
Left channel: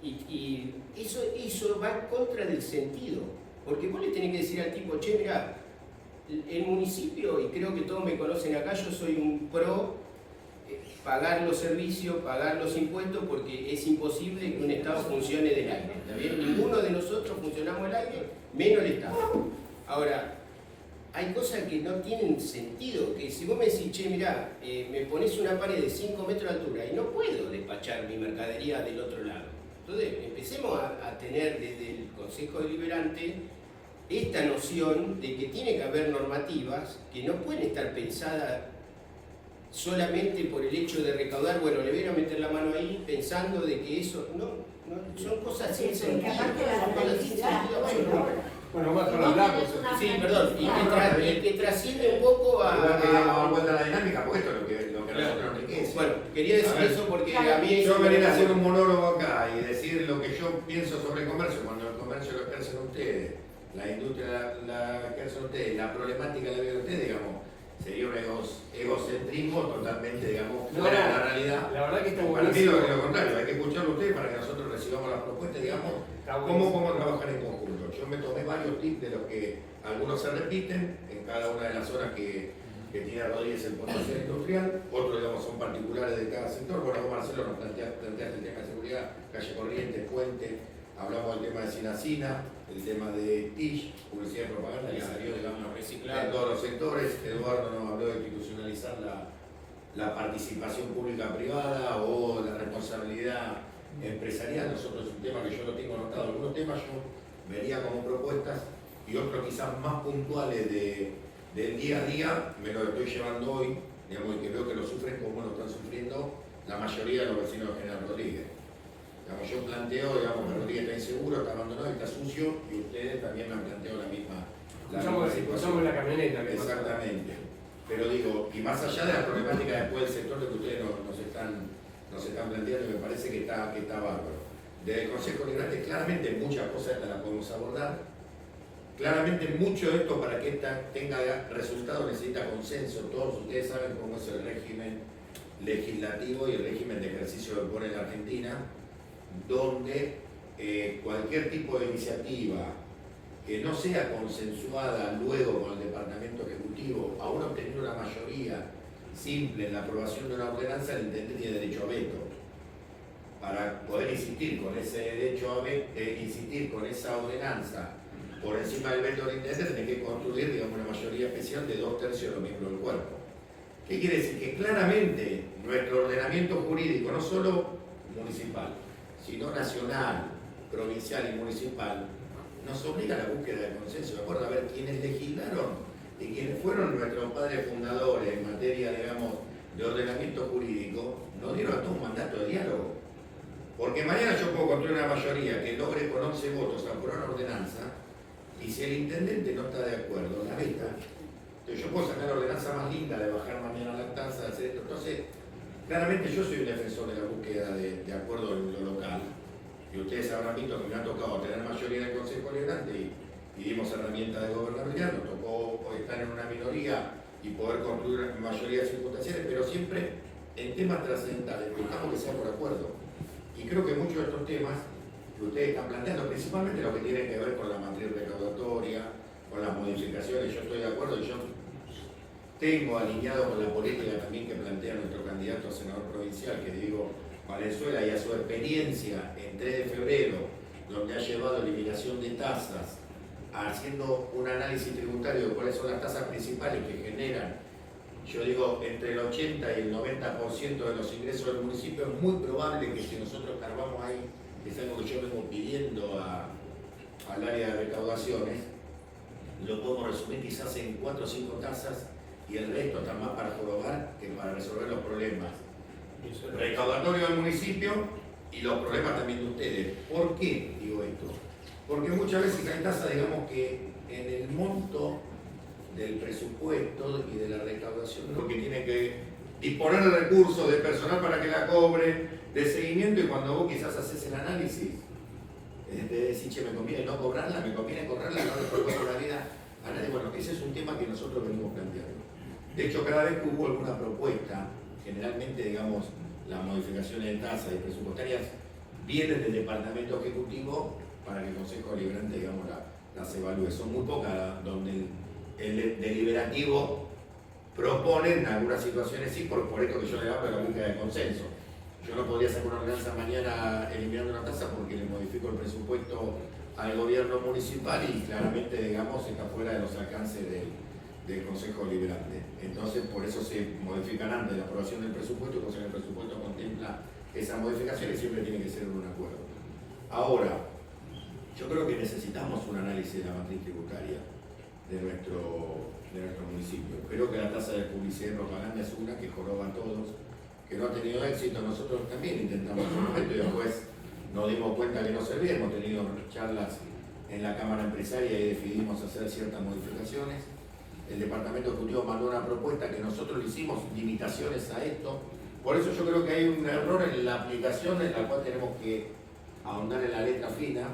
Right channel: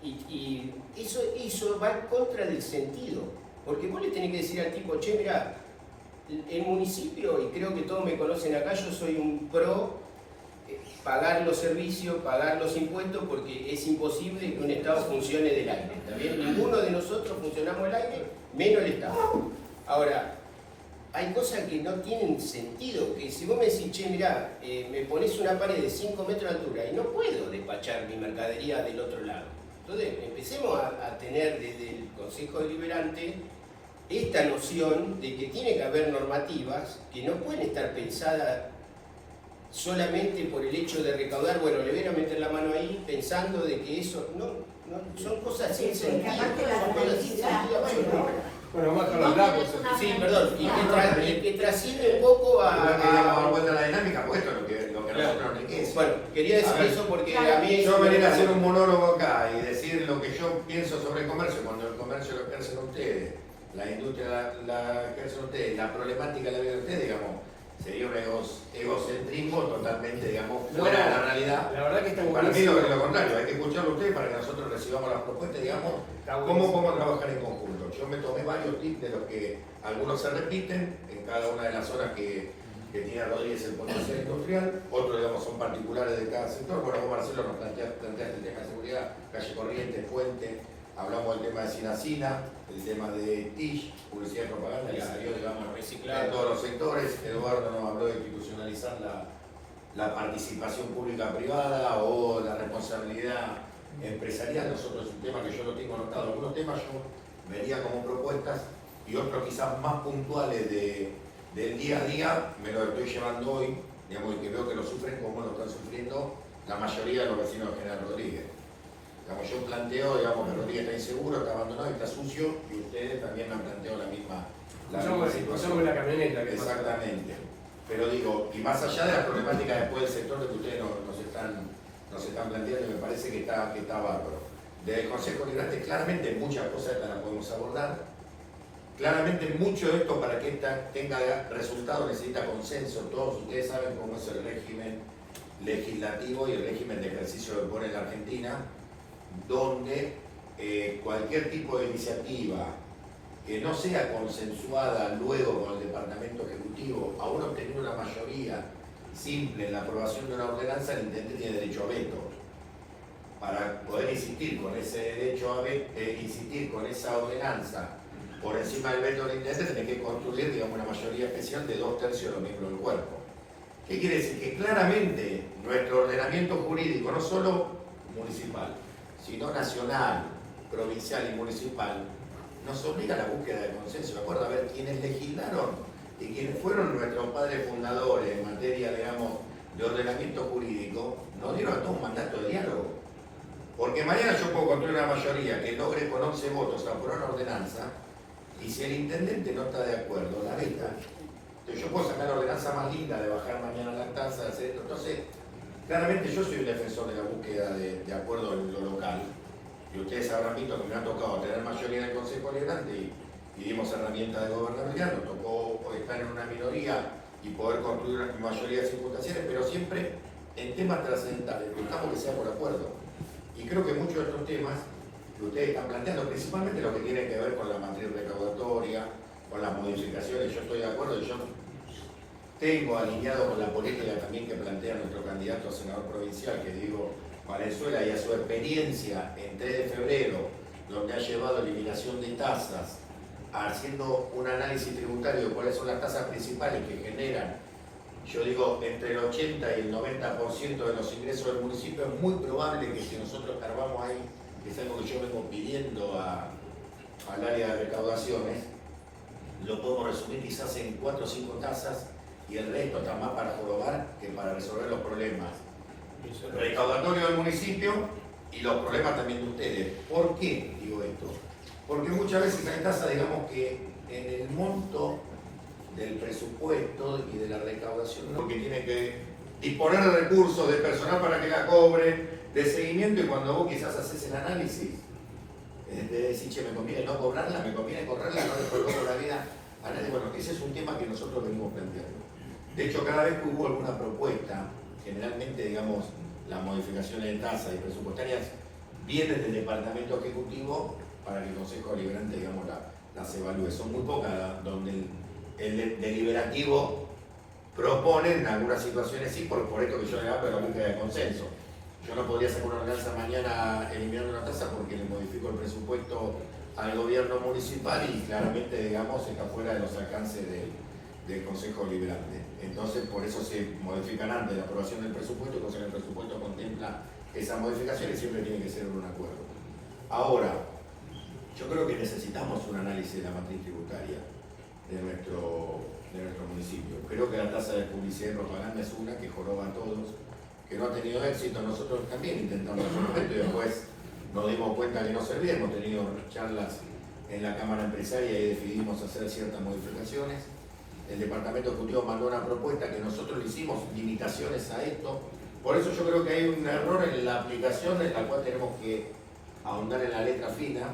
y eso va en contra del sentido, porque vos le tenés que decir al tipo, che, mirá, el municipio, y creo que todos me conocen acá, yo soy un pro pagar los servicios, pagar los impuestos, porque es imposible que un Estado funcione del aire, ¿está bien? Ninguno de nosotros funcionamos del aire, menos el Estado. Ahora, hay cosas que no tienen sentido, que si vos me decís, che, mirá, me pones una pared de 5 metros de altura y no puedo despachar mi mercadería del otro lado. Entonces, empecemos a tener desde el Consejo Deliberante esta noción de que tiene que haber normativas que no pueden estar pensadas solamente por el hecho de recaudar, bueno, le voy a meter la mano ahí pensando de que eso, no son cosas sin sentido, son cosas sin sentido absoluto. Bueno, más con los datos. Sí, perdón, y que trasciende un poco a... Igual que digamos, la dinámica, pues esto es lo que nosotros enriquece. Bueno, quería decir eso porque a mí... Yo venir a hacer un monólogo acá y decir lo que yo pienso sobre el comercio, cuando el comercio lo ejercen ustedes, la industria la ejercen ustedes, la problemática la ven ustedes, digamos, sería un egocentrismo totalmente, digamos, fuera de la realidad. La verdad que está para mí lo contrario, hay que escucharlo a ustedes para que nosotros recibamos las propuestas, digamos, cómo podemos trabajar en conjunto. Yo me tomé varios tips de los que algunos se repiten en cada una de las zonas que tiene Rodríguez el potencial industrial, otros, digamos, son particulares de cada sector. Bueno, vos, Marcelo, nos planteaste el tema de seguridad, calle Corrientes, Puente, hablamos del tema de Sinacina, el tema de TIC, publicidad y propaganda, que salió, digamos, reciclado en todos los sectores. Eduardo nos habló de institucionalizar la participación pública-privada o la responsabilidad empresarial. Nosotros es un tema que yo lo tengo anotado. Algunos temas yo vería como propuestas y otros quizás más puntuales del día a día, me lo estoy llevando hoy, digamos, y que veo que lo sufren como lo están sufriendo la mayoría de los vecinos de General Rodríguez. Digamos, yo planteo, digamos, que Rodríguez está inseguro, está abandonado, está sucio, y ustedes también me han planteado la misma Pasamos la camioneta. Exactamente. Pero digo, y más allá de las problemáticas después del sector de que ustedes nos están planteando, y me parece que está bárbaro. Desde el Consejo Deliberante, claramente muchas cosas estas las podemos abordar. Claramente mucho de esto para que tenga resultado necesita consenso. Todos ustedes saben cómo es el régimen legislativo y el régimen de ejercicio que pone en Argentina, donde cualquier tipo de iniciativa que no sea consensuada luego con el Departamento Ejecutivo, aún obteniendo una mayoría simple en la aprobación de una ordenanza, el intendente tiene derecho a veto. Para poder insistir con ese derecho a veto, insistir con esa ordenanza por encima del veto del intendente, tiene que construir, digamos, una mayoría especial de 2/3 de los miembros del cuerpo. ¿Qué quiere decir? Que claramente nuestro ordenamiento jurídico, no solo municipal, sino nacional, provincial y municipal, nos obliga a la búsqueda de consenso. De acuerdo, a ver, quienes legislaron y quienes fueron nuestros padres fundadores en materia, digamos, de ordenamiento jurídico, nos dieron a todos un mandato de diálogo. Porque mañana yo puedo construir una mayoría que logre con 11 votos aprobar una ordenanza, y si el intendente no está de acuerdo, la veta. Entonces yo puedo sacar la ordenanza más linda de bajar mañana la tasa, de hacer esto. Entonces, claramente yo soy un defensor de la búsqueda de acuerdo en lo local. Y ustedes habrán visto que me ha tocado tener mayoría en el Consejo Liberante y dimos herramientas de gobernabilidad, nos tocó estar en una minoría y poder construir una mayoría circunstanciales, pero siempre en temas trascendentales, buscamos que sea por acuerdo. Y creo que muchos de estos temas que ustedes están planteando, principalmente lo que tiene que ver con la matriz recaudatoria, con las modificaciones, yo estoy de acuerdo y yo tengo alineado con la política también que plantea nuestro candidato a senador provincial, que digo Valenzuela, y a su experiencia en 3 de febrero, donde ha llevado eliminación de tasas, haciendo un análisis tributario de cuáles son las tasas principales que generan, yo digo, entre el 80 y el 90% de los ingresos del municipio. Es muy probable que si nosotros escarbamos ahí, que es algo que yo vengo pidiendo al área de recaudaciones, lo podemos resumir quizás en 4 o 5 tasas, y el resto está más para jorobar que para resolver los problemas recaudatorios del municipio y los problemas también de ustedes. ¿Por qué digo esto? Porque muchas veces hay tasas, digamos, que en el monto del presupuesto y de la recaudación, ¿no? Porque tiene que disponer de recursos, de personal para que la cobren, de seguimiento, y cuando vos quizás haces el análisis, de decir, che, me conviene no cobrarla, me conviene correrla, no le cobro la vida a nadie. Bueno, ese es un tema que nosotros venimos planteando. De hecho, cada vez que hubo alguna propuesta, generalmente, digamos, las modificaciones de tasas y presupuestarias vienen del Departamento Ejecutivo para que el Consejo Deliberante, digamos, las evalúe. Son muy pocas donde el deliberativo propone en algunas situaciones, sí, por esto que yo le hablo de la búsqueda de consenso. Yo no podría sacar una ordenanza mañana eliminando una tasa porque le modifico el presupuesto al gobierno municipal y claramente, digamos, está fuera de los alcances del Consejo Deliberante. Entonces, por eso se modifican antes de la aprobación del presupuesto, cosa que el presupuesto contempla esas modificaciones y siempre tiene que ser un acuerdo. Ahora, yo creo que necesitamos un análisis de la matriz tributaria de nuestro municipio. Creo que la tasa de publicidad y propaganda es una que joroba a todos, que no ha tenido éxito. Nosotros también intentamos en su momento y después nos dimos cuenta que no servía. Hemos tenido charlas en la Cámara Empresaria y decidimos hacer ciertas modificaciones. El Departamento Ejecutivo mandó una propuesta que nosotros le hicimos limitaciones a esto. Por eso yo creo que hay un error en la aplicación, en la cual tenemos que ahondar en la letra fina,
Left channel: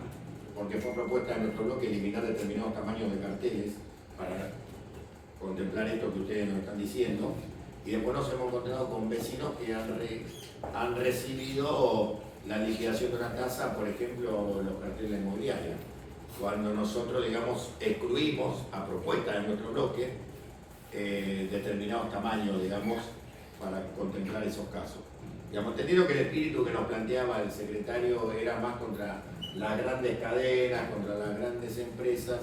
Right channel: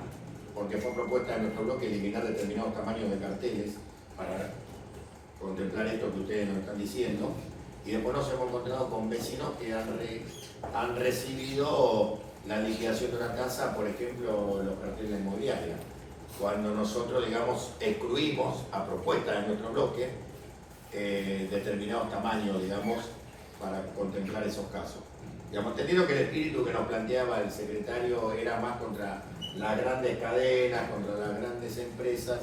porque fue propuesta de nuestro bloque eliminar determinados tamaños de carteles para contemplar esto que ustedes nos están diciendo. Y después nos hemos encontrado con vecinos que han recibido la liquidación de una tasa, por ejemplo, los carteles inmobiliarios. Cuando nosotros, digamos, excluimos a propuesta de nuestro bloque determinados tamaños, digamos, para contemplar esos casos. Digamos, entendido que el espíritu que nos planteaba el secretario era más contra las grandes cadenas, contra las grandes empresas,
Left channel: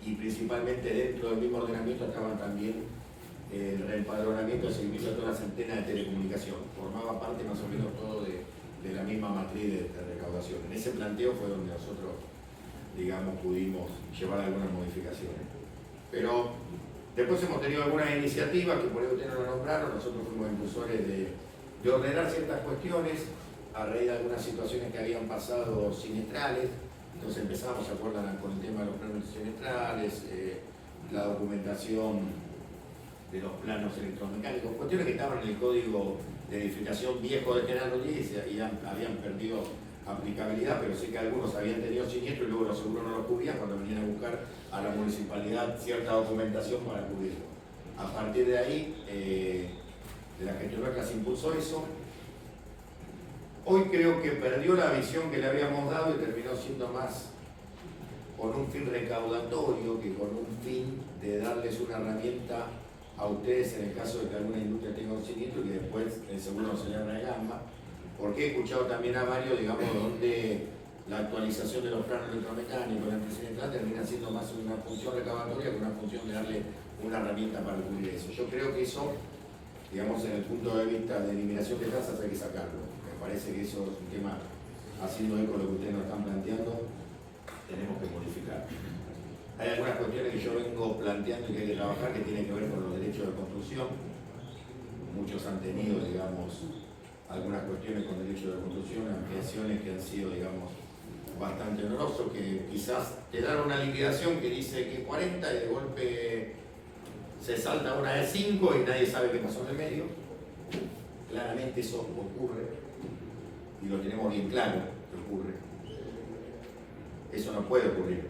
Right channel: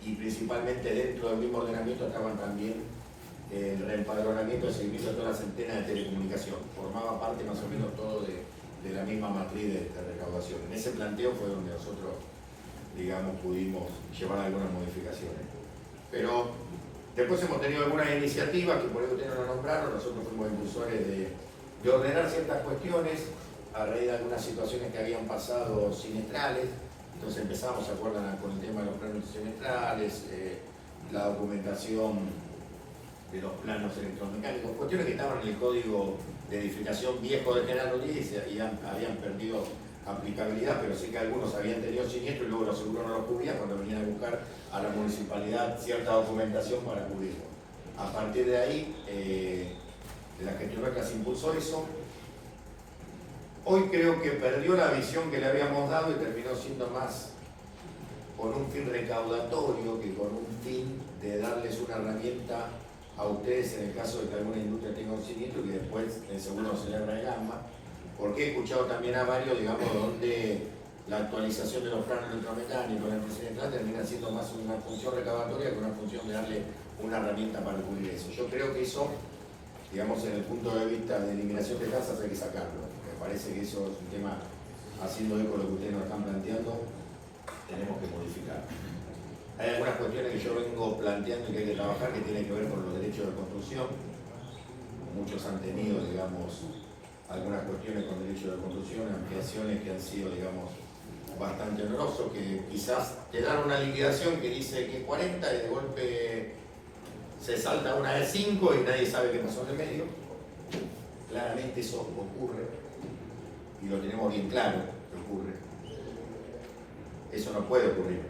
y principalmente dentro del mismo ordenamiento estaban también el reempadronamiento y seguimiento de todas las antenas de telecomunicación. Formaba parte más o menos todo de la misma matriz de recaudación. En ese planteo fue donde nosotros, digamos, pudimos llevar algunas modificaciones. Pero después hemos tenido algunas iniciativas que por ahí ustedes no la nombraron. Nosotros fuimos impulsores de ordenar ciertas cuestiones a raíz de algunas situaciones que habían pasado siniestrales. Entonces empezamos, ¿se acuerdan?, con el tema de los planos siniestrales, la documentación de los planos electromecánicos, cuestiones que estaban en el código de edificación viejo de General Rodríguez y habían perdido aplicabilidad, pero sé que algunos habían tenido siniestro y luego los seguros no los cubrían cuando venían a buscar a la municipalidad cierta documentación para cubrirlo. A partir de ahí, la gestión nuestra se impulsó eso. Hoy creo que perdió la visión que le habíamos dado y terminó siendo más con un fin recaudatorio que con un fin de darles una herramienta a ustedes en el caso de que alguna industria tenga un siniestro y que después el seguro se le regama. Porque he escuchado también a varios, digamos, donde la actualización de los planos electromecánicos de la empresa central termina siendo más una función recaudatoria que una función de darle una herramienta para cubrir eso. Yo creo que eso, digamos, en el punto de vista de eliminación de tasas hay que sacarlo. Me parece que eso es un tema, haciendo eco de lo que ustedes nos están planteando, tenemos que modificar. Hay algunas cuestiones que yo vengo planteando y que hay que trabajar que tienen que ver con los derechos de construcción. Muchos han tenido, digamos, algunas cuestiones con derechos de construcción, ampliaciones que han sido, digamos, bastante onerosos, que quizás te dan una liquidación que dice que 40 y de golpe se salta una de 5 y nadie sabe qué pasó en el medio. Claramente eso ocurre y lo tenemos bien claro que ocurre. Eso no puede ocurrir.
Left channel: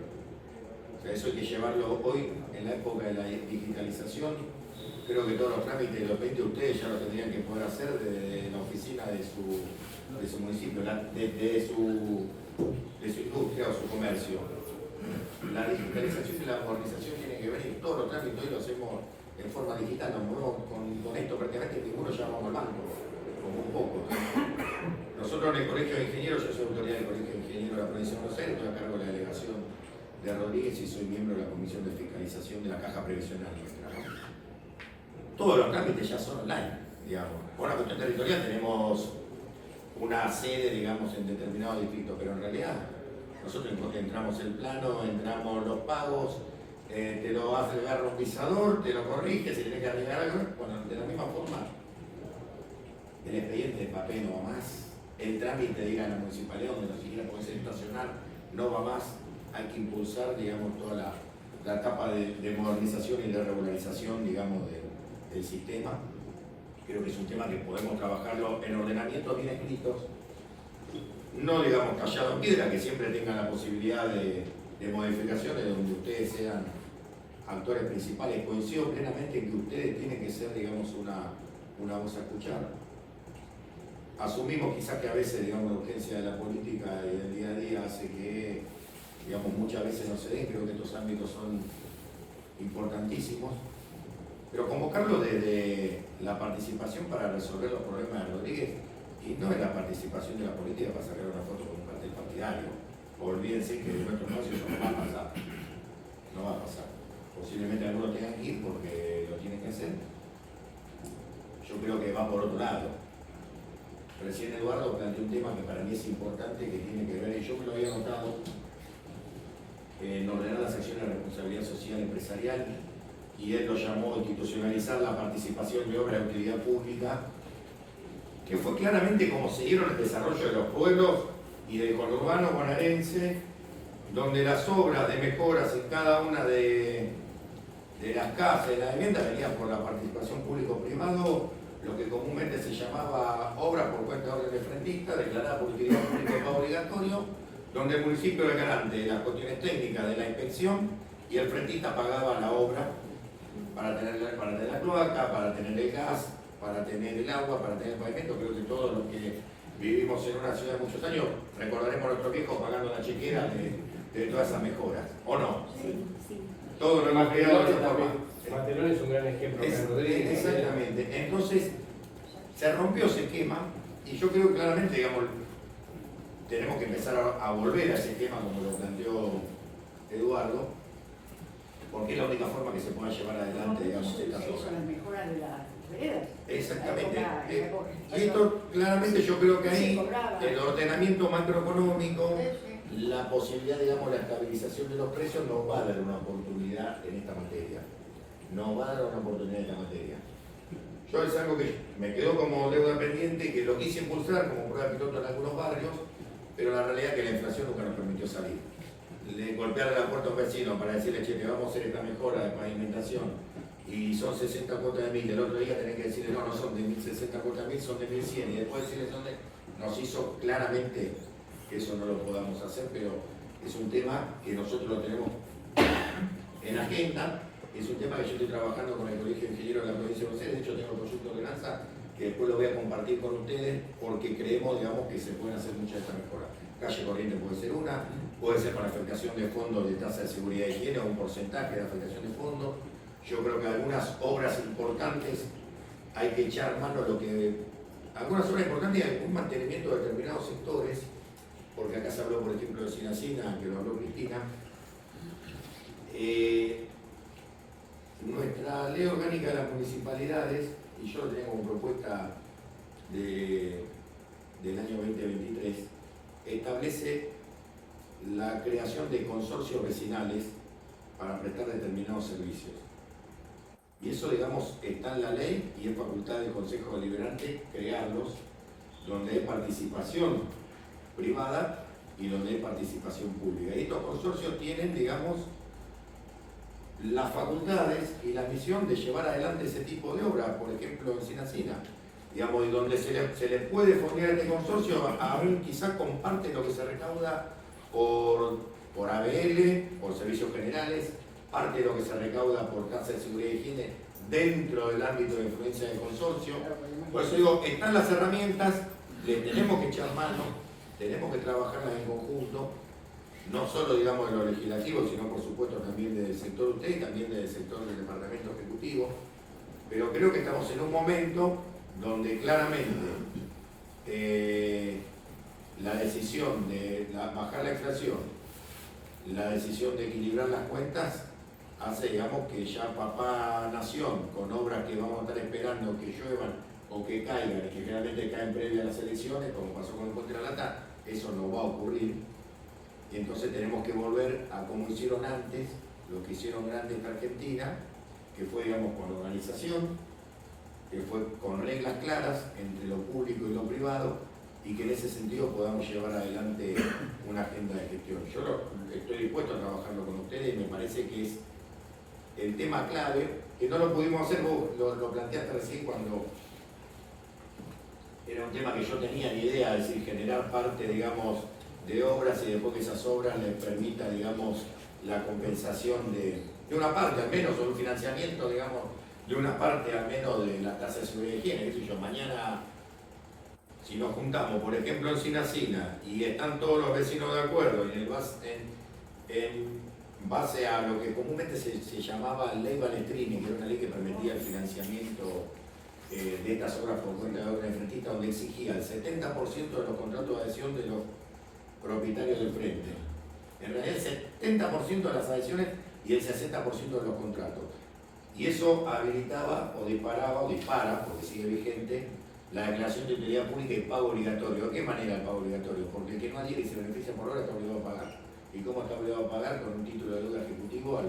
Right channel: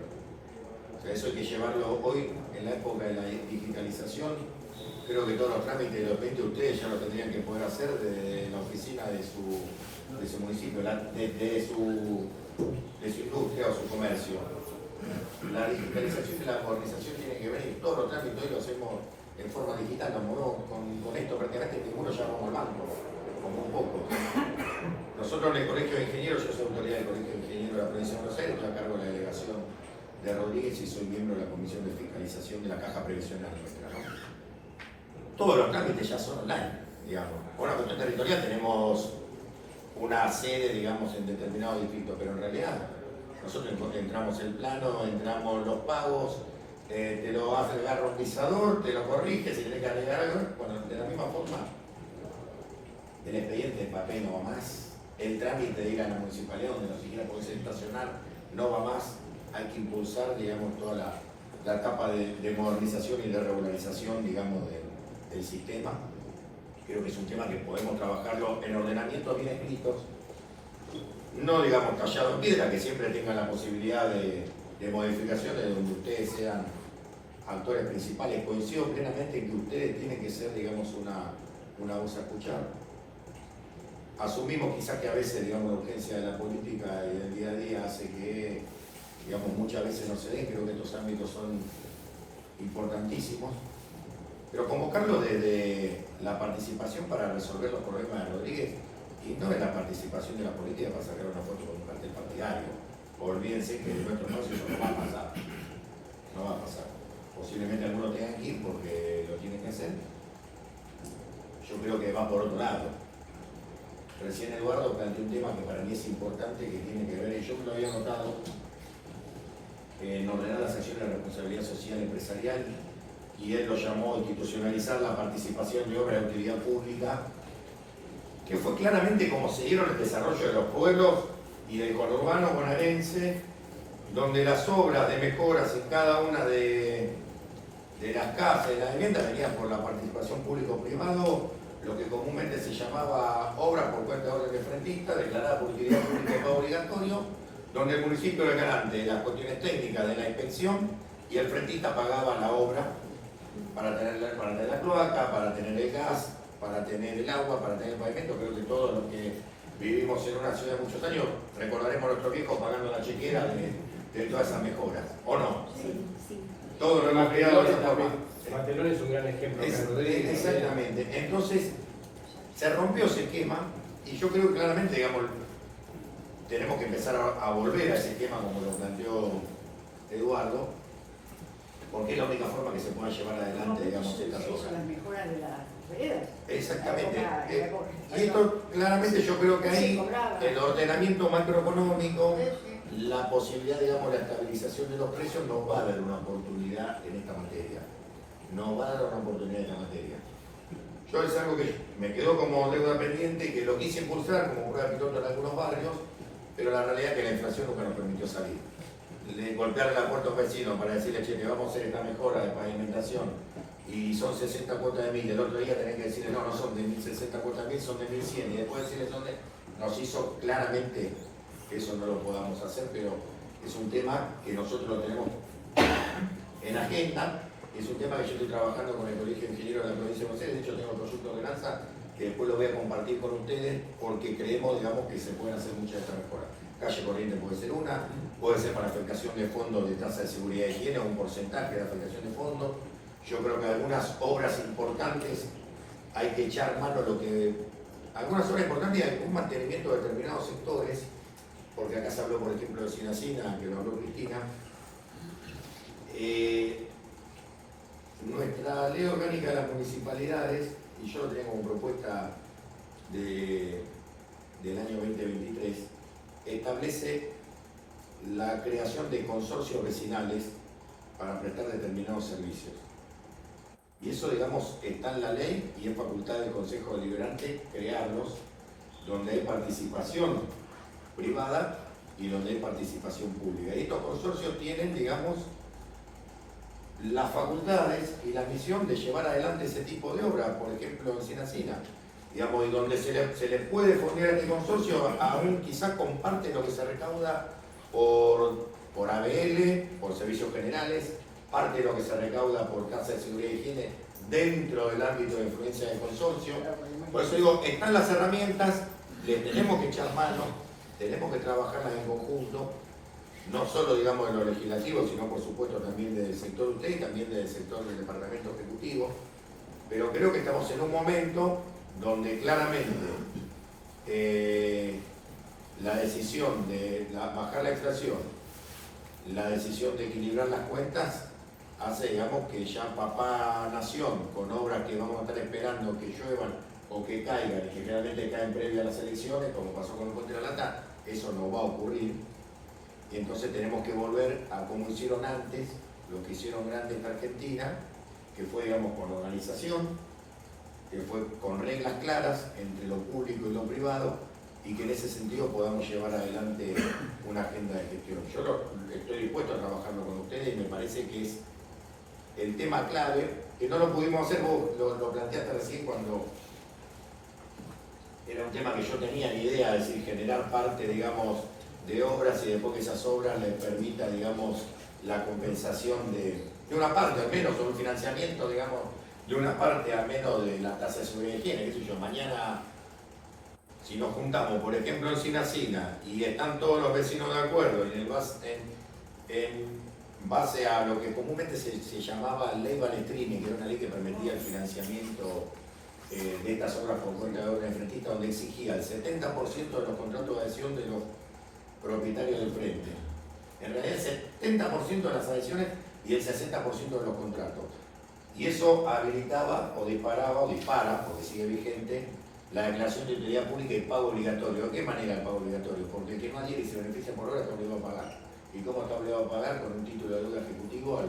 O sea, eso hay que llevarlo hoy en la época de la digitalización. Creo que todos los trámites de repente ustedes ya lo tendrían que poder hacer desde la oficina de su municipio, de su industria o su comercio. La digitalización y la modernización tienen que venir. Todos los trámites hoy lo hacemos en forma digital, nos movemos con esto prácticamente ninguno llamamos al banco, como un poco. Nosotros en el Colegio de Ingenieros, yo soy autoridad del Colegio de Ingenieros de la Provincia de Buenos Aires, estoy a cargo de la delegación de Rodríguez y soy miembro de la Comisión de Fiscalización de la Caja Previsional nuestra, ¿no? Todos los trámites ya son online, digamos. Por una cuestión territorial tenemos una sede, digamos, en determinado distrito, pero en realidad nosotros entramos el plano, entramos los pagos, te lo hace agarra un pisador, te lo corrige, si tenés que arreglar algo, bueno, de la misma forma, el expediente de papel no va más, el trámite de ir a la municipalidad donde no siquiera podés estacionar no va más, hay que impulsar, digamos, toda la etapa de modernización y de regularización, digamos, del sistema. Creo que es un tema que podemos trabajarlo en ordenamientos bien escritos, no digamos tallado en piedra, que siempre tengan la posibilidad de modificaciones donde ustedes sean actores principales. Coincido plenamente en que ustedes tienen que ser, digamos, una voz a escuchar. Asumimos quizás que a veces, digamos, la urgencia de la política y del día a día hace que, digamos, muchas veces no se den. Creo que estos ámbitos son importantísimos. Pero convocarlo desde la participación para resolver los problemas de Rodríguez y no en la participación de la política para sacar una foto con un cartel partidario. Olvídense que en nuestro negocio eso no va a pasar. No va a pasar. Posiblemente algunos tengan que ir porque lo tienen que hacer. Yo creo que va por otro lado. Recién Eduardo planteó un tema que para mí es importante, que tiene que ver, y yo me lo había notado, en ordenar las acciones de responsabilidad social empresarial, y él lo llamó institucionalizar la participación de obras de utilidad pública, que fue claramente como se dieron el desarrollo de los pueblos y del conurbano bonaerense, donde las obras de mejoras en cada una de las casas, de las viviendas, venían por la participación público-privado, lo que comúnmente se llamaba obras por cuenta de orden de frentista, declarada por utilidad pública y pago obligatorio, donde el municipio era garante de las cuestiones técnicas de la inspección y el frentista pagaba la obra para tener la cloaca, para tener el gas, para tener el agua, para tener el pavimento. Creo que todos los que vivimos en una ciudad de muchos años recordaremos a nuestros viejos pagando la chequera de todas esas mejoras, ¿o no? Sí, sí. Todo lo hemos creado de esa forma. Barcelona es un gran ejemplo. Acá en Rodríguez, Exactamente. Entonces, se rompió ese esquema y yo creo que claramente, digamos, tenemos que empezar a volver a ese esquema como lo planteó Eduardo, porque es la única forma que se pueda llevar adelante, digamos, estas obras. Las mejoras de las veredas. Exactamente. Y esto claramente yo creo que ahí el ordenamiento macroeconómico, la posibilidad, digamos, la estabilización de los precios nos va a dar una oportunidad en esta materia. Nos va a dar una oportunidad en esta materia. Yo es algo que me quedó como deuda pendiente, que lo quise impulsar como prueba piloto en algunos barrios, pero la realidad es que la inflación nunca nos permitió salir. De golpearle la puerta a un vecino para decirle, che, te vamos a hacer esta mejora de pavimentación y son 60 cuotas de 1000, el otro día tenés que decirle, no, no son de 1060 cuotas de 1000, son de 1100, y después decirle, nos hizo claramente que eso no lo podamos hacer, pero es un tema que nosotros lo tenemos en agenda. Es un tema que yo estoy trabajando con el Colegio de Ingenieros de la Provincia de Buenos Aires. De hecho, tengo el proyecto de ordenanza que después lo voy a compartir con ustedes porque creemos, digamos, que se pueden hacer muchas de estas mejoras. Calle corriente puede ser una, puede ser para afectación de fondos de tasa de seguridad y higiene, un porcentaje de afectación de fondos. Yo creo que algunas obras importantes hay que echar mano a lo que... Algunas obras importantes y algún mantenimiento de determinados sectores, porque acá se habló, por ejemplo, de Sinacina, que lo habló Cristina. Nuestra ley orgánica de las municipalidades, y yo lo tenía como propuesta del año 2023, establece la creación de consorcios vecinales para prestar determinados servicios. Y eso, digamos, está en la ley y es facultad del Consejo Deliberante crearlos, donde hay participación privada y donde hay participación pública. Y estos consorcios tienen, digamos, las facultades y la misión de llevar adelante ese tipo de obras, por ejemplo en Sinacina, digamos, y donde se le puede fondear este consorcio, aún quizás comparte lo que se recauda por ABL, por servicios generales, parte de lo que se recauda por tasa de seguridad y higiene dentro del ámbito de influencia del consorcio. Por eso digo, están las herramientas, les tenemos que echar mano, tenemos que trabajarlas en conjunto, no solo, digamos, de lo legislativo, sino por supuesto también del sector de usted y también del sector del departamento ejecutivo. Pero creo que estamos en un momento donde claramente la decisión de bajar la inflación, la decisión de equilibrar las cuentas, hace, digamos, que ya papá nación, con obras que vamos a estar esperando que lluevan o que caigan, y que generalmente caen previo a las elecciones, como pasó con el Puente de la Lata, eso no va a ocurrir. Y entonces tenemos que volver a como hicieron antes, lo que hicieron grandes en Argentina, que fue, digamos, con organización, que fue con reglas claras entre lo público y lo privado, y que en ese sentido podamos llevar adelante una agenda de gestión. Yo estoy dispuesto a trabajarlo con ustedes y me parece que es el tema clave, que no lo pudimos hacer, vos lo planteaste recién cuando era un tema que yo tenía ni idea, es decir, generar parte, digamos, de obras y después que esas obras les permita, digamos, la compensación de una parte al menos, o un financiamiento, digamos, de una parte al menos de la tasa de seguridad y higiene, qué sé yo, mañana si nos juntamos, por ejemplo, en Sinacina y están todos los vecinos de acuerdo en base a lo que comúnmente se llamaba ley Balestrini, que era una ley que permitía el financiamiento de estas obras por cuenta de obra de frentista, donde exigía el 70% de los contratos de adhesión de los propietarios del frente. En realidad el 70% de las adhesiones y el 60% de los contratos. Y eso habilitaba o disparaba, o dispara, porque sigue vigente, la declaración de utilidad pública y pago obligatorio. ¿De qué manera el pago obligatorio? Porque el que no adhiere y se beneficia por obra está obligado a pagar. ¿Y cómo está obligado a pagar? Con un título de deuda ejecutivo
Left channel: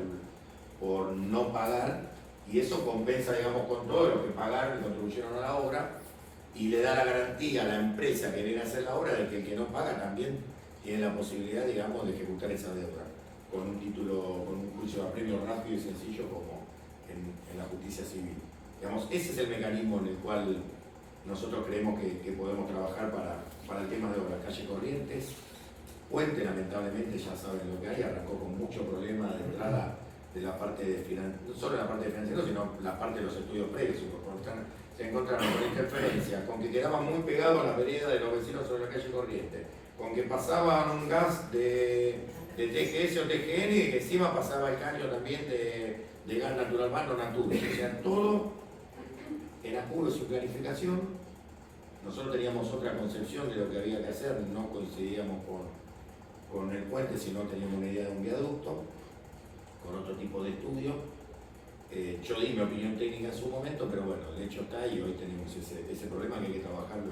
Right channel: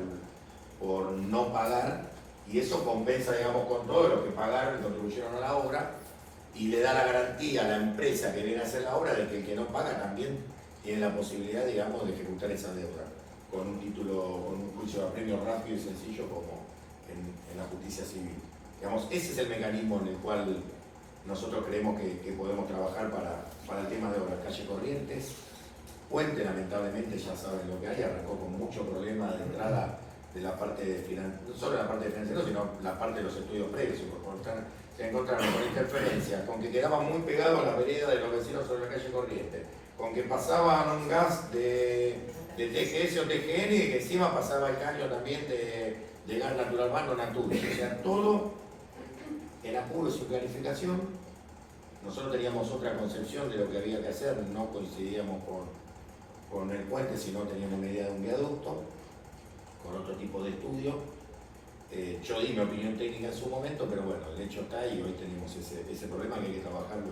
por no pagar, y eso compensa, digamos, con todo lo que pagaron y contribuyeron a la obra, y le da la garantía a la empresa que viene a hacer la obra de que el que no paga también tiene la posibilidad, digamos, de ejecutar esa deuda con un título, con un juicio de apremio rápido y sencillo como en la justicia civil. Digamos, ese es el mecanismo en el cual nosotros creemos que podemos trabajar para el tema de obras. Calle Corrientes, Puente, lamentablemente ya saben lo que hay, arrancó con mucho problema de entrada de la parte de financiamiento, no solo la parte de financiamiento, sino la parte de los estudios previos. Se encontraron con interferencias, con que quedaba muy pegado a la vereda de los vecinos sobre la calle Corrientes, con que pasaban un gas de TGS o TGN y que encima pasaba el caño también de gas natural mano Natur. O sea, todo en apuros y planificación. Nosotros teníamos otra concepción de lo que había que hacer, no coincidíamos con el puente, sino teníamos una idea de un viaducto, con otro tipo de estudio. Yo di mi opinión técnica en su momento, pero bueno, el hecho está y hoy tenemos ese problema que hay que trabajarlo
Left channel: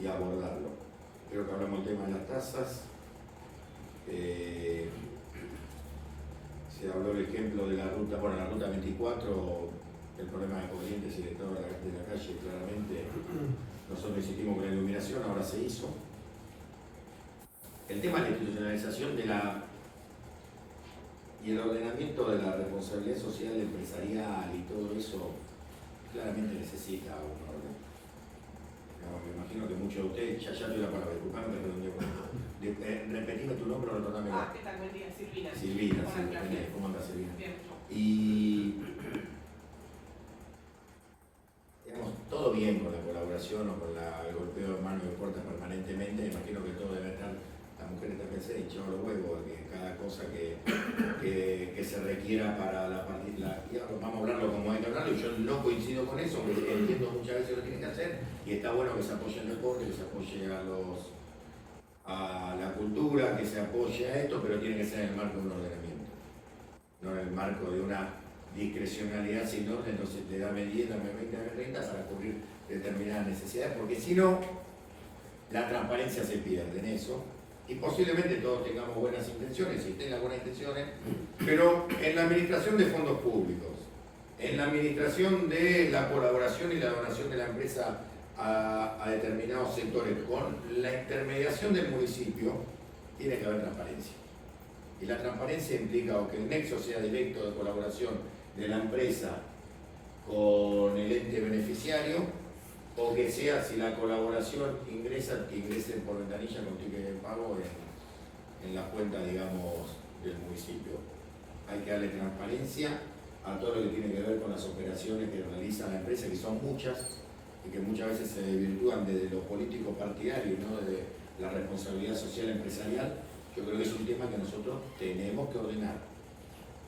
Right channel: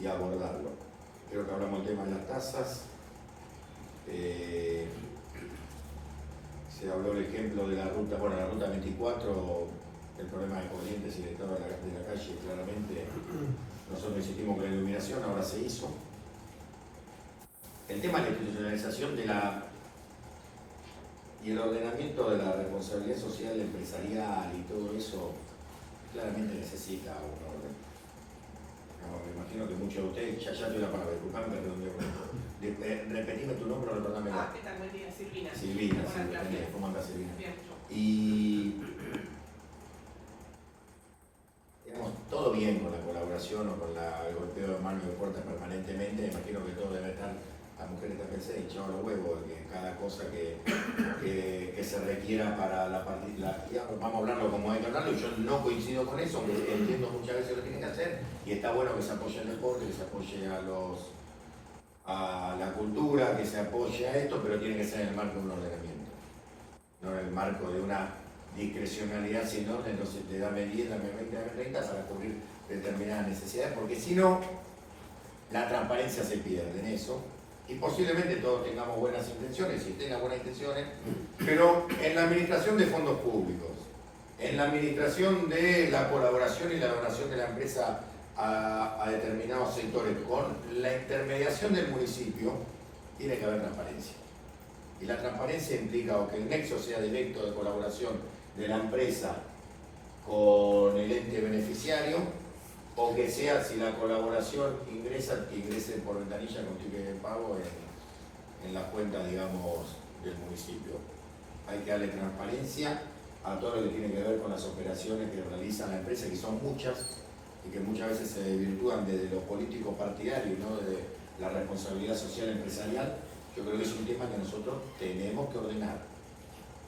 y abordarlo. Creo que hablamos del tema de las tasas. Se habló el ejemplo de la ruta, bueno, la ruta 24, el problema de Corrientes y el estado de la calle, claramente nosotros insistimos con la iluminación, ahora se hizo. El tema de la institucionalización y el ordenamiento de la responsabilidad social empresarial y todo eso claramente necesita un orden. Digamos, me imagino que muchos de ustedes, ya tuve la palabra, disculpame que redondeo con esto. Repetime tu nombre, recordámelo. ¿Qué tal? Buen día, Silvina. Silvina, sí, ¿cómo andas, Silvina? Bien. Y digamos, todo bien con la colaboración o con el golpeo de mano y de puertas permanentemente. Me imagino que todo debe estar, la mujer está pensando hinchado los huevos, que cada cosa que se requiera para la partida, vamos a hablarlo como hay que hablarlo, y yo no coincido con eso, aunque entiendo muchas veces lo que tienen que hacer, y está bueno que se apoye el deporte, que se apoye a la cultura, que se apoye a esto, pero tiene que ser en el marco de un ordenamiento, no en el marco de una discrecionalidad sin orden, no se te dame 10, dame 20, dame 30 para cubrir determinadas necesidades, porque si no, la transparencia se pierde en eso, y posiblemente todos tengamos buenas intenciones, y tengan buenas intenciones, pero en la administración de fondos públicos, en la administración de la colaboración y la donación de la empresa a determinados sectores, con la intermediación del municipio, tiene que haber transparencia. Y la transparencia implica o que el nexo sea directo de colaboración de la empresa con el ente beneficiario, o que sea, si la colaboración ingresa, que ingrese por ventanilla con ticket de pago en las cuentas, digamos, del municipio. Hay que darle transparencia a todo lo que tiene que ver con las operaciones que realiza la empresa, que son muchas, y que muchas veces se desvirtúan desde lo político partidario y no desde la responsabilidad social empresarial. Yo creo que es un tema que nosotros tenemos que ordenar.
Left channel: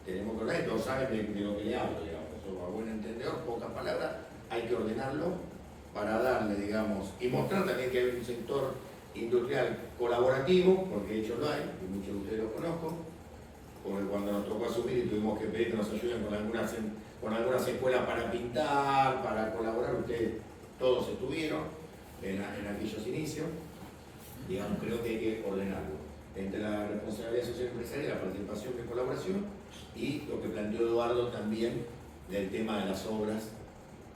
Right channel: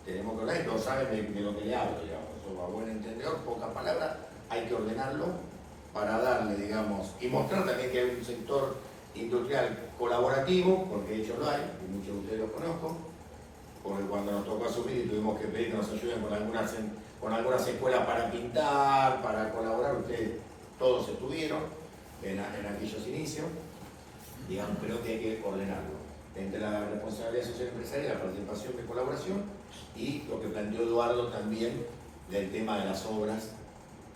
Tenemos que ordenar, y todos saben de lo que le hablo, digamos. Eso, a buen entendedor, pocas palabras, hay que ordenarlo para darle, digamos, y mostrar también que hay un sector industrial colaborativo, porque de hecho lo hay, y muchos de ustedes lo conozco, porque cuando nos tocó asumir y tuvimos que pedir que nos ayuden con algunas escuelas para pintar, para colaborar, ustedes todos estuvieron en aquellos inicios, digamos, creo que hay que ordenarlo entre la responsabilidad social empresarial, la participación de colaboración, y lo que planteó Eduardo también del tema de las obras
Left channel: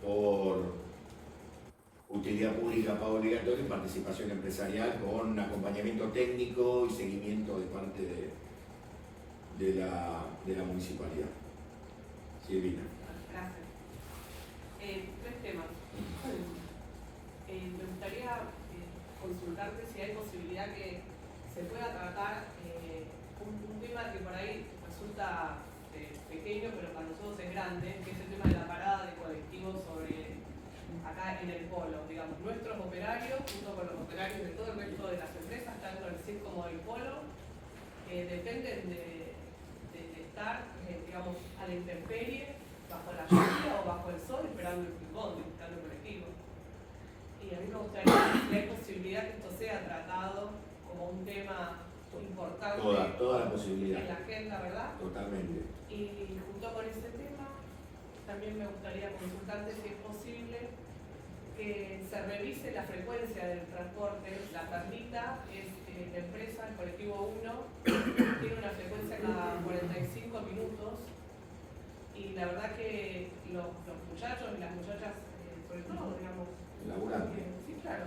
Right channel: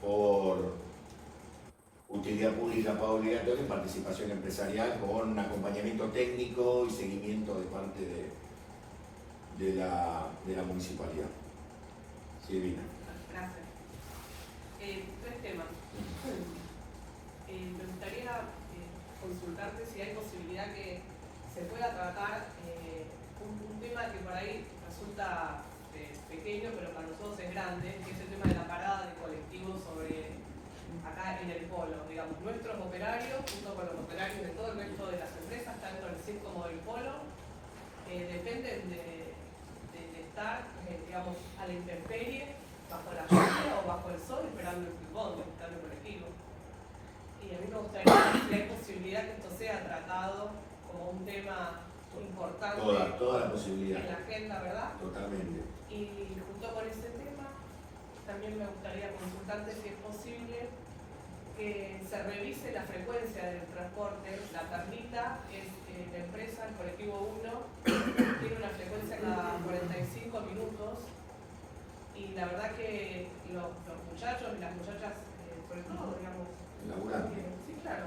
por utilidad pública, pago obligatorio, participación empresarial con un acompañamiento técnico y seguimiento de parte de la municipalidad. Silvina. Gracias. Tres temas. Me gustaría consultarte si hay posibilidad que se pueda tratar un tema que por ahí resulta pequeño, pero para nosotros es grande, que es el tema de la parada de colectivos acá en el polo. Digamos, nuestros operarios, junto con los operarios de todo el resto de las empresas, tanto del CIC como del polo, dependen de estar, digamos, a la intemperie, bajo la lluvia o bajo el sol, esperando el pivot, esperando el colectivo. Y a mí me gustaría saber si hay posibilidad que esto sea tratado como un tema importante toda la posibilidad en la agenda, ¿verdad? Totalmente. Y junto con ese tema, también me gustaría consultarte si es posible que se revise la frecuencia del transporte. La Perlita es la empresa, el colectivo 1, tiene una frecuencia cada 45 minutos, y la verdad que los muchachos y las muchachas, sobre todo, digamos, sí, claro,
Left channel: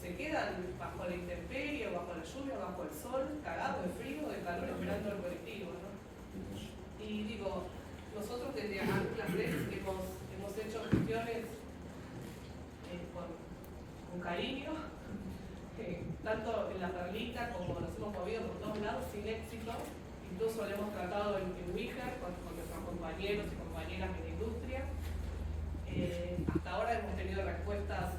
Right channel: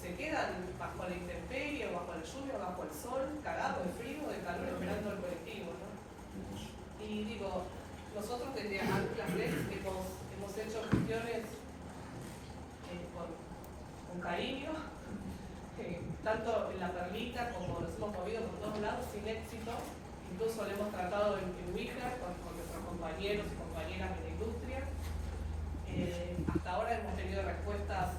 se quedan bajo la intemperie, bajo la lluvia, bajo el sol, cagados de frío, de calor, esperando el colectivo, ¿no? Y digo, nosotros desde Anclas hemos hecho gestiones con cariño, tanto en la Perlita como nos hemos movido por todos lados sin éxito. Incluso lo hemos tratado en Ouija con nuestros compañeros y compañeras de la industria. Hasta ahora hemos tenido respuestas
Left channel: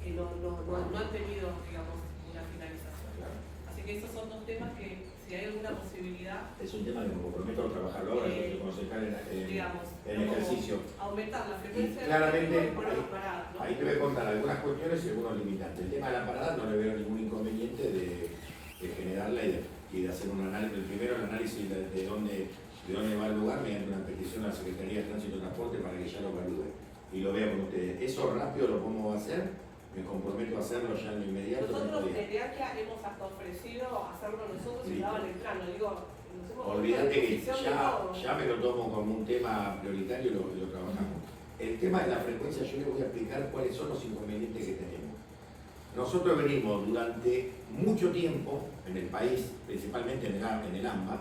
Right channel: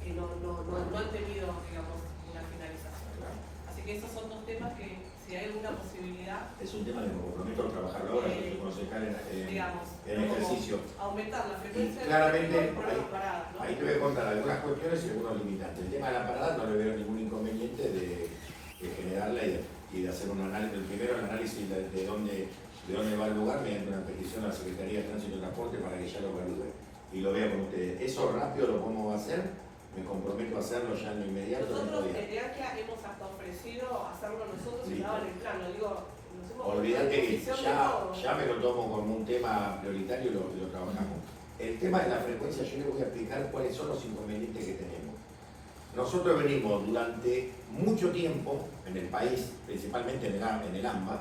que no han tenido, digamos, una finalización, ¿no? Así que esos son dos temas que, si hay alguna posibilidad, es un tema que me comprometo a trabajar ahora, que concejal en ejercicio. Aumentar la frecuencia claramente de las paradas, ¿no? Hay que contar algunas cuestiones y algunos limitantes. El tema de la parada no le veo ningún inconveniente de generarla y de hacer un análisis, primero el análisis de dónde va el lugar mediante una petición a la Secretaría de Tránsito y Transporte para que ya lo evalúe y lo vea con ustedes. Eso rápido lo podemos hacer, me comprometo a hacerlo ya en lo inmediato. Nosotros desde ACA hemos hasta ofrecido hacerlo nosotros y daban el plano. Digo, olvídate que ya me lo tomo como un tema prioritario y lo trabajamos. El tema de la frecuencia, yo les voy a explicar cuáles son los inconvenientes que tenemos. Nosotros venimos durante mucho tiempo en el país, principalmente en el AMBA,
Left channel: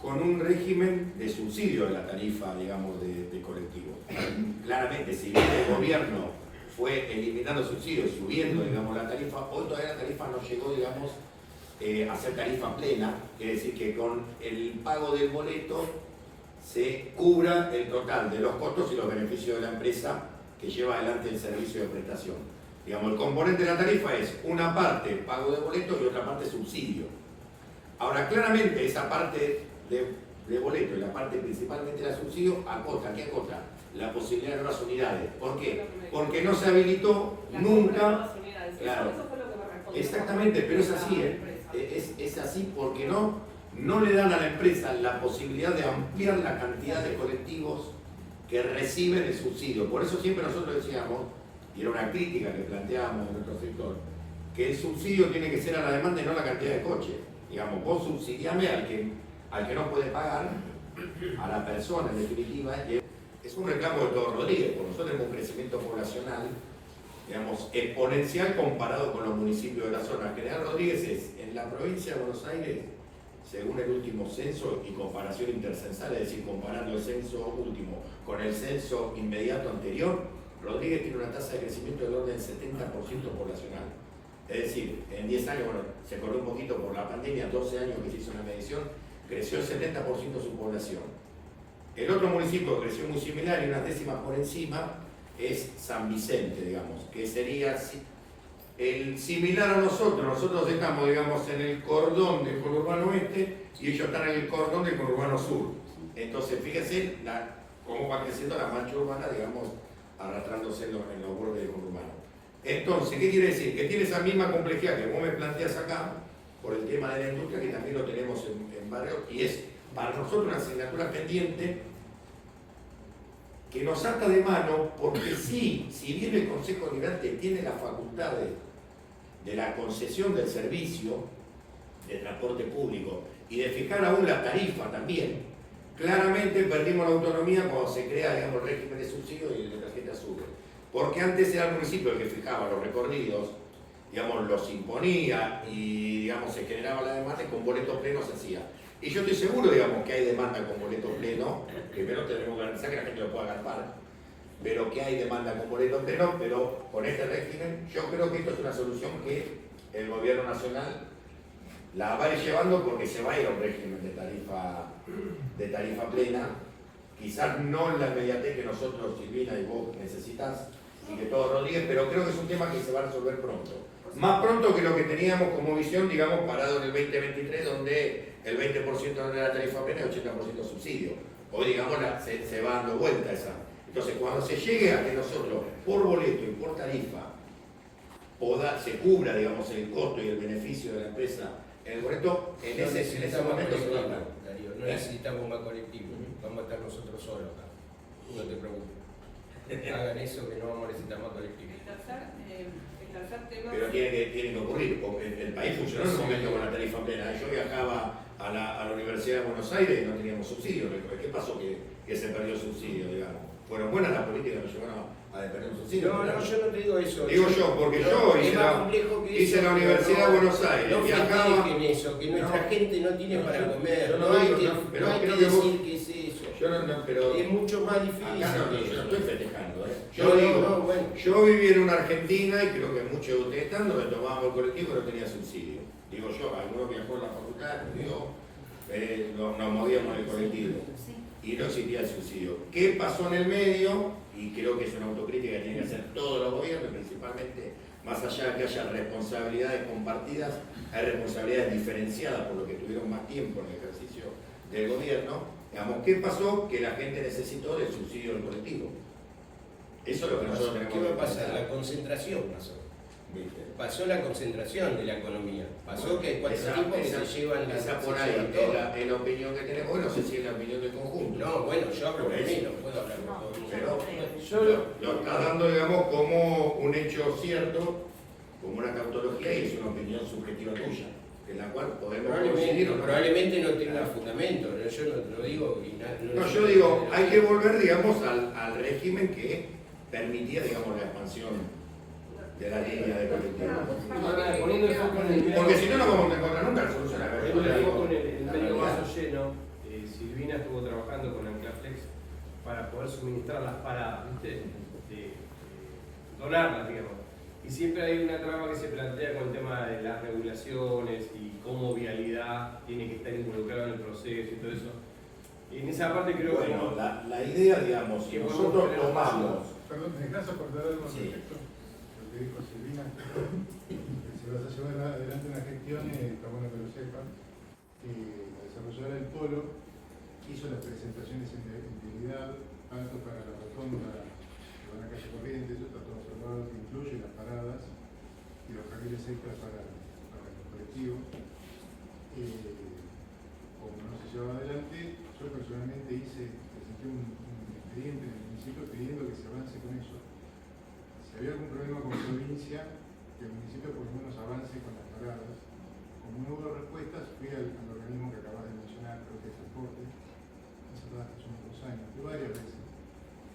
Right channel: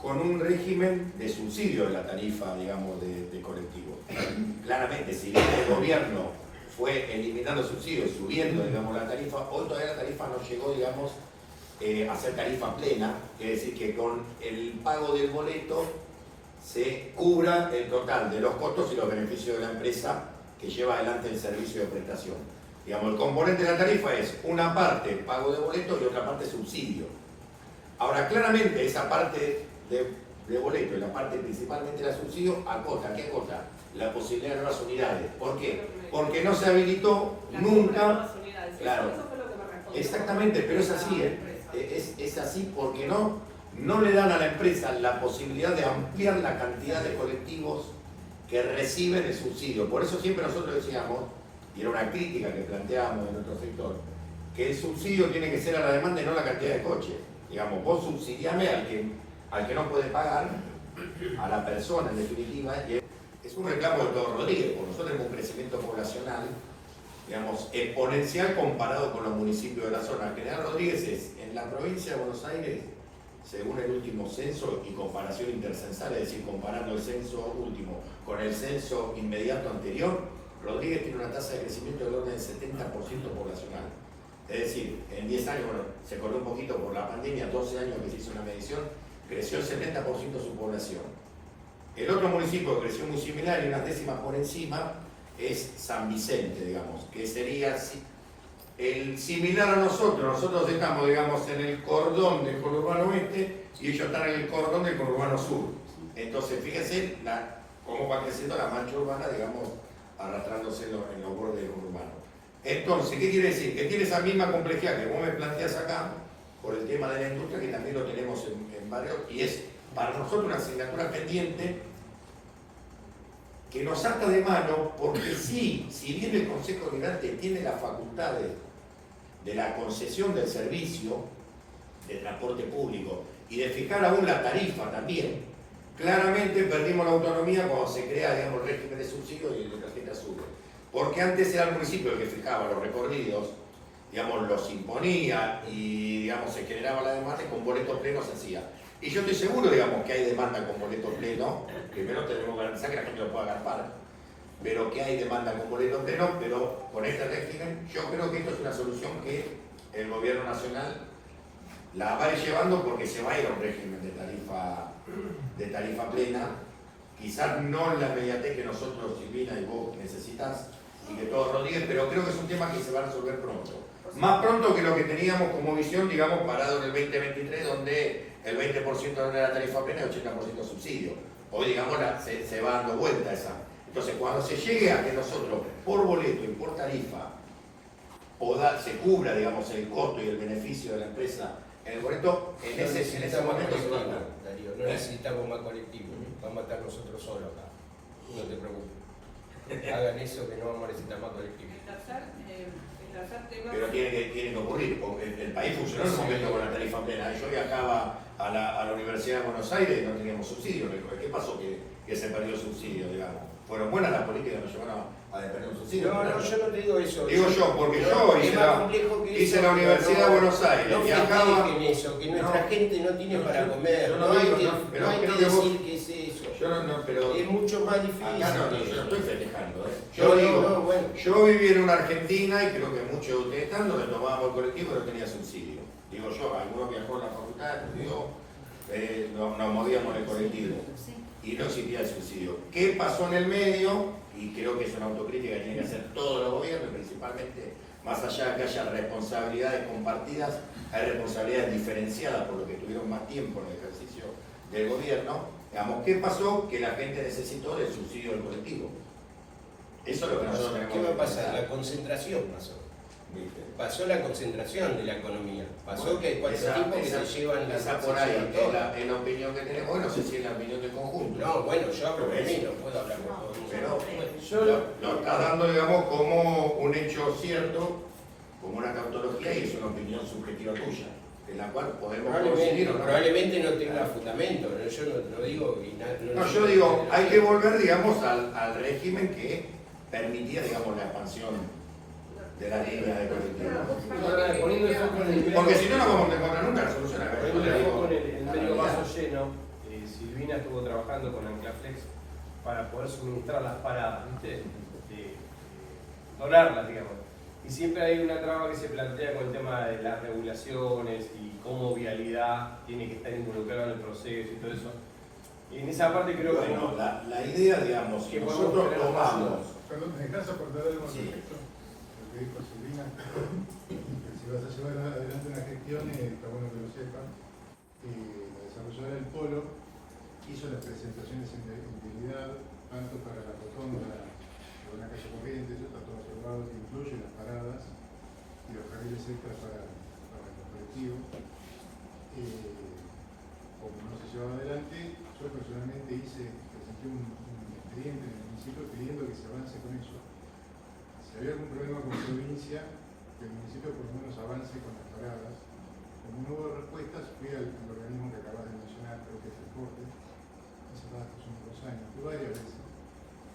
con un régimen de subsidio de la tarifa, digamos, de colectivo. Claramente, si bien el gobierno fue eliminando subsidios, subiendo, digamos, la tarifa. Hoy todavía la tarifa no llegó, digamos, a ser tarifa plena, quiere decir que con el pago del boleto se cubra el total de los costos y los beneficios de la empresa que lleva adelante el servicio de prestación. Digamos, el componente de la tarifa es una parte pago de boleto y otra parte subsidio. Ahora, claramente esa parte de boleto y la parte principalmente de subsidio acota, ¿qué acota? La posibilidad de nuevas unidades. ¿Por qué? Porque no se habilitó nunca. Claro, exactamente, pero es así, es así porque no le dan a la empresa la posibilidad de ampliar la cantidad de colectivos que reciben el subsidio. Por eso siempre nosotros decíamos, y era una crítica que planteábamos en nuestro sector, que el subsidio tiene que ser a la demanda y no la cantidad de coches. Digamos, vos subsidiame al que no puede pagar, a la persona en definitiva. Es un reclamo de todo Rodríguez, porque nosotros tenemos un crecimiento poblacional, digamos, exponencial comparado con los municipios de la zona. General Rodríguez es, en la provincia de Buenos Aires, según el último censo y comparación intercensal, es decir, comparando el censo último con el censo inmediato anterior, Rodríguez tiene una tasa de crecimiento del orden del 70% poblacional. Es decir, en 10 años, bueno, se corrió un poquito por la pandemia, 12 años que se hizo una medición, creció el 70% su población. El otro municipio que creció muy similar y unas décimas por encima es San Vicente, digamos, que sería el similar a nosotros. Nosotros estamos, digamos, en el cordón del conurbano oeste y ellos están en el cordón del conurbano sur. Entonces, fíjense cómo va creciendo la mancha urbana, digamos, arrastrándose en los bordes del conurbano. Entonces, ¿qué quiere decir? Que tiene esa misma complejidad que vos me planteas acá, por el tema de la industria, que también lo tenemos en barrios, y es para nosotros una asignatura pendiente que nos ata de mano, porque sí, si bien el Consejo Deliberante tiene las facultades de la concesión del servicio de transporte público y de fijar aún la tarifa también, claramente perdimos la autonomía cuando se crea, digamos, el régimen de subsidio y el de tarjeta sube. Porque antes era el municipio el que fijaba los recorridos, digamos, los imponía y, digamos, se generaba la demanda y con boleto pleno se hacía. Y yo estoy seguro, digamos, que hay demanda con boleto pleno, primero tenemos que garantizar que la gente lo pueda agarpar, pero que hay demanda con boleto pleno, pero con este régimen yo creo que esto es una solución que el gobierno nacional la va a ir llevando porque se va a ir a un régimen de tarifa plena, quizás no en la inmediatez que nosotros, Silvina y vos necesitas, y que todos Rodríguez, pero creo que es un tema que se va a resolver pronto. Más pronto que lo que teníamos como visión, digamos, parado en el 2023, donde el 20% de la tarifa plena y el 80% subsidio. Hoy, digamos, se va dando vuelta esa. Entonces, cuando se llegue a que nosotros, por boleto y por tarifa, se cubra, digamos, el costo y el beneficio de la empresa en el boleto, en ese momento se va a dar. Darío, no necesitamos más colectivos, vamos a estar nosotros solos acá. No te preocupes. Hagan eso que no vamos a necesitar más colectivos. El tercer tema... Pero tiene que ocurrir, porque el país funcionó en un momento con la tarifa plena. Yo viajaba a la Universidad de Buenos Aires y no teníamos subsidio. ¿Qué pasó que se perdió el subsidio, digamos? Fueron buenas las políticas que nos llevaron a perder un subsidio. No, yo no te digo eso. Digo yo, porque yo hice la Universidad de Buenos Aires. No viajaba en eso, que nuestra gente no tiene para comer. Yo No hay que decir que es eso. Pero es mucho más difícil. Acá yo no estoy festejando, Bueno. Yo viví en una Argentina y creo que muchos de ustedes están donde tomábamos el colectivo y no tenía subsidio. Digo yo, algunos viajó a la facultad, estudió, nos movíamos en el colectivo y no existía el subsidio. ¿Qué pasó en el medio? Y creo que es una autocrítica que tienen que hacer todos los gobiernos, principalmente, más allá de que haya responsabilidades compartidas, hay responsabilidades diferenciadas por lo que tuvieron más tiempo en el ejercicio del gobierno. Digamos, ¿qué pasó? Que la gente necesitó del subsidio del colectivo. Eso es lo que nosotros tenemos que ¿Qué va a pasar? pensar. La concentración pasó. ¿Viste? Pasó la concentración de la economía. Pasó que hay cuatro tipos que se llevan esa por ahí es la opinión que tenemos. Bueno, no sé si es la opinión del conjunto. No, bueno, yo hablo por mí, no puedo hablar por todos. Pero lo está dando, digamos, como un hecho cierto, como una tautología, y es una opinión subjetiva tuya, en la cual podemos coincidir. Probablemente no tenga fundamento, pero yo no digo... Yo digo, hay que volver, digamos, al régimen que permitía, digamos, la expansión de la línea de colectivo. Poniendo el foco en el Porque si no, no vamos a encontrar nunca la solución. Poniendo el foco en el medio vaso lleno, Silvina estuvo trabajando con Anclaflex para poder suministrar las paradas, ¿viste? donarlas, digamos. Y siempre hay una trama que se plantea con el tema de las regulaciones y cómo vialidad tiene que estar involucrada en el proceso y todo eso. Y en esa parte creo que... Bueno, la idea, digamos, que nosotros tomamos... Perdón, me gracias por dar el Sí. contexto. Lo que dijo Silvina, que si vas a llevar adelante una gestión, está bueno que lo sepan. La desarrolladora del Polo hizo las presentaciones en vialidad, tanto para la rotonda de una calle corriente, eso está todo observado, que incluye las paradas y los carriles extras para los colectivos. Como no se llevaba adelante, yo personalmente presenté un expediente en el municipio pidiendo que se avance con eso. Si había algún problema con la provincia, que el municipio por lo menos avance con las paradas. Como no hubo respuestas, fui al organismo que acabas de mencionar, creo que es el CORTE, hace unos 2 años, fui varias veces.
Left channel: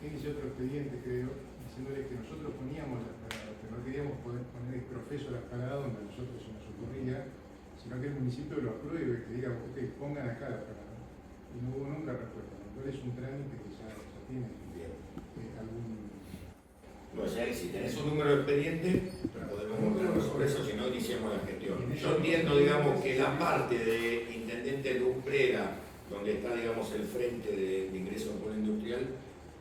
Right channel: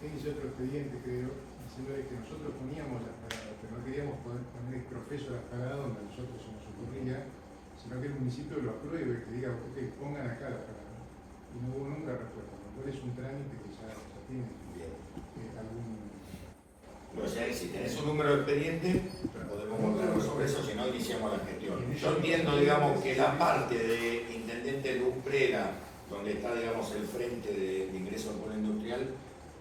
Hice otro expediente, creo, diciéndole que nosotros poníamos las paradas, pero no queríamos poner el proceso de las paradas donde nosotros se nos ocurría, sino que el municipio lo apruebe, que diga, ok, pongan acá la parada. Y no hubo nunca respuesta, lo cual es un trámite que ya tiene algún... O sea, si tenés un número de expediente, podemos montarnos sobre eso, si no iniciamos la gestión. Yo entiendo, digamos, que la parte de intendente Lumbrera, donde está, digamos, el frente de ingreso al polo industrial,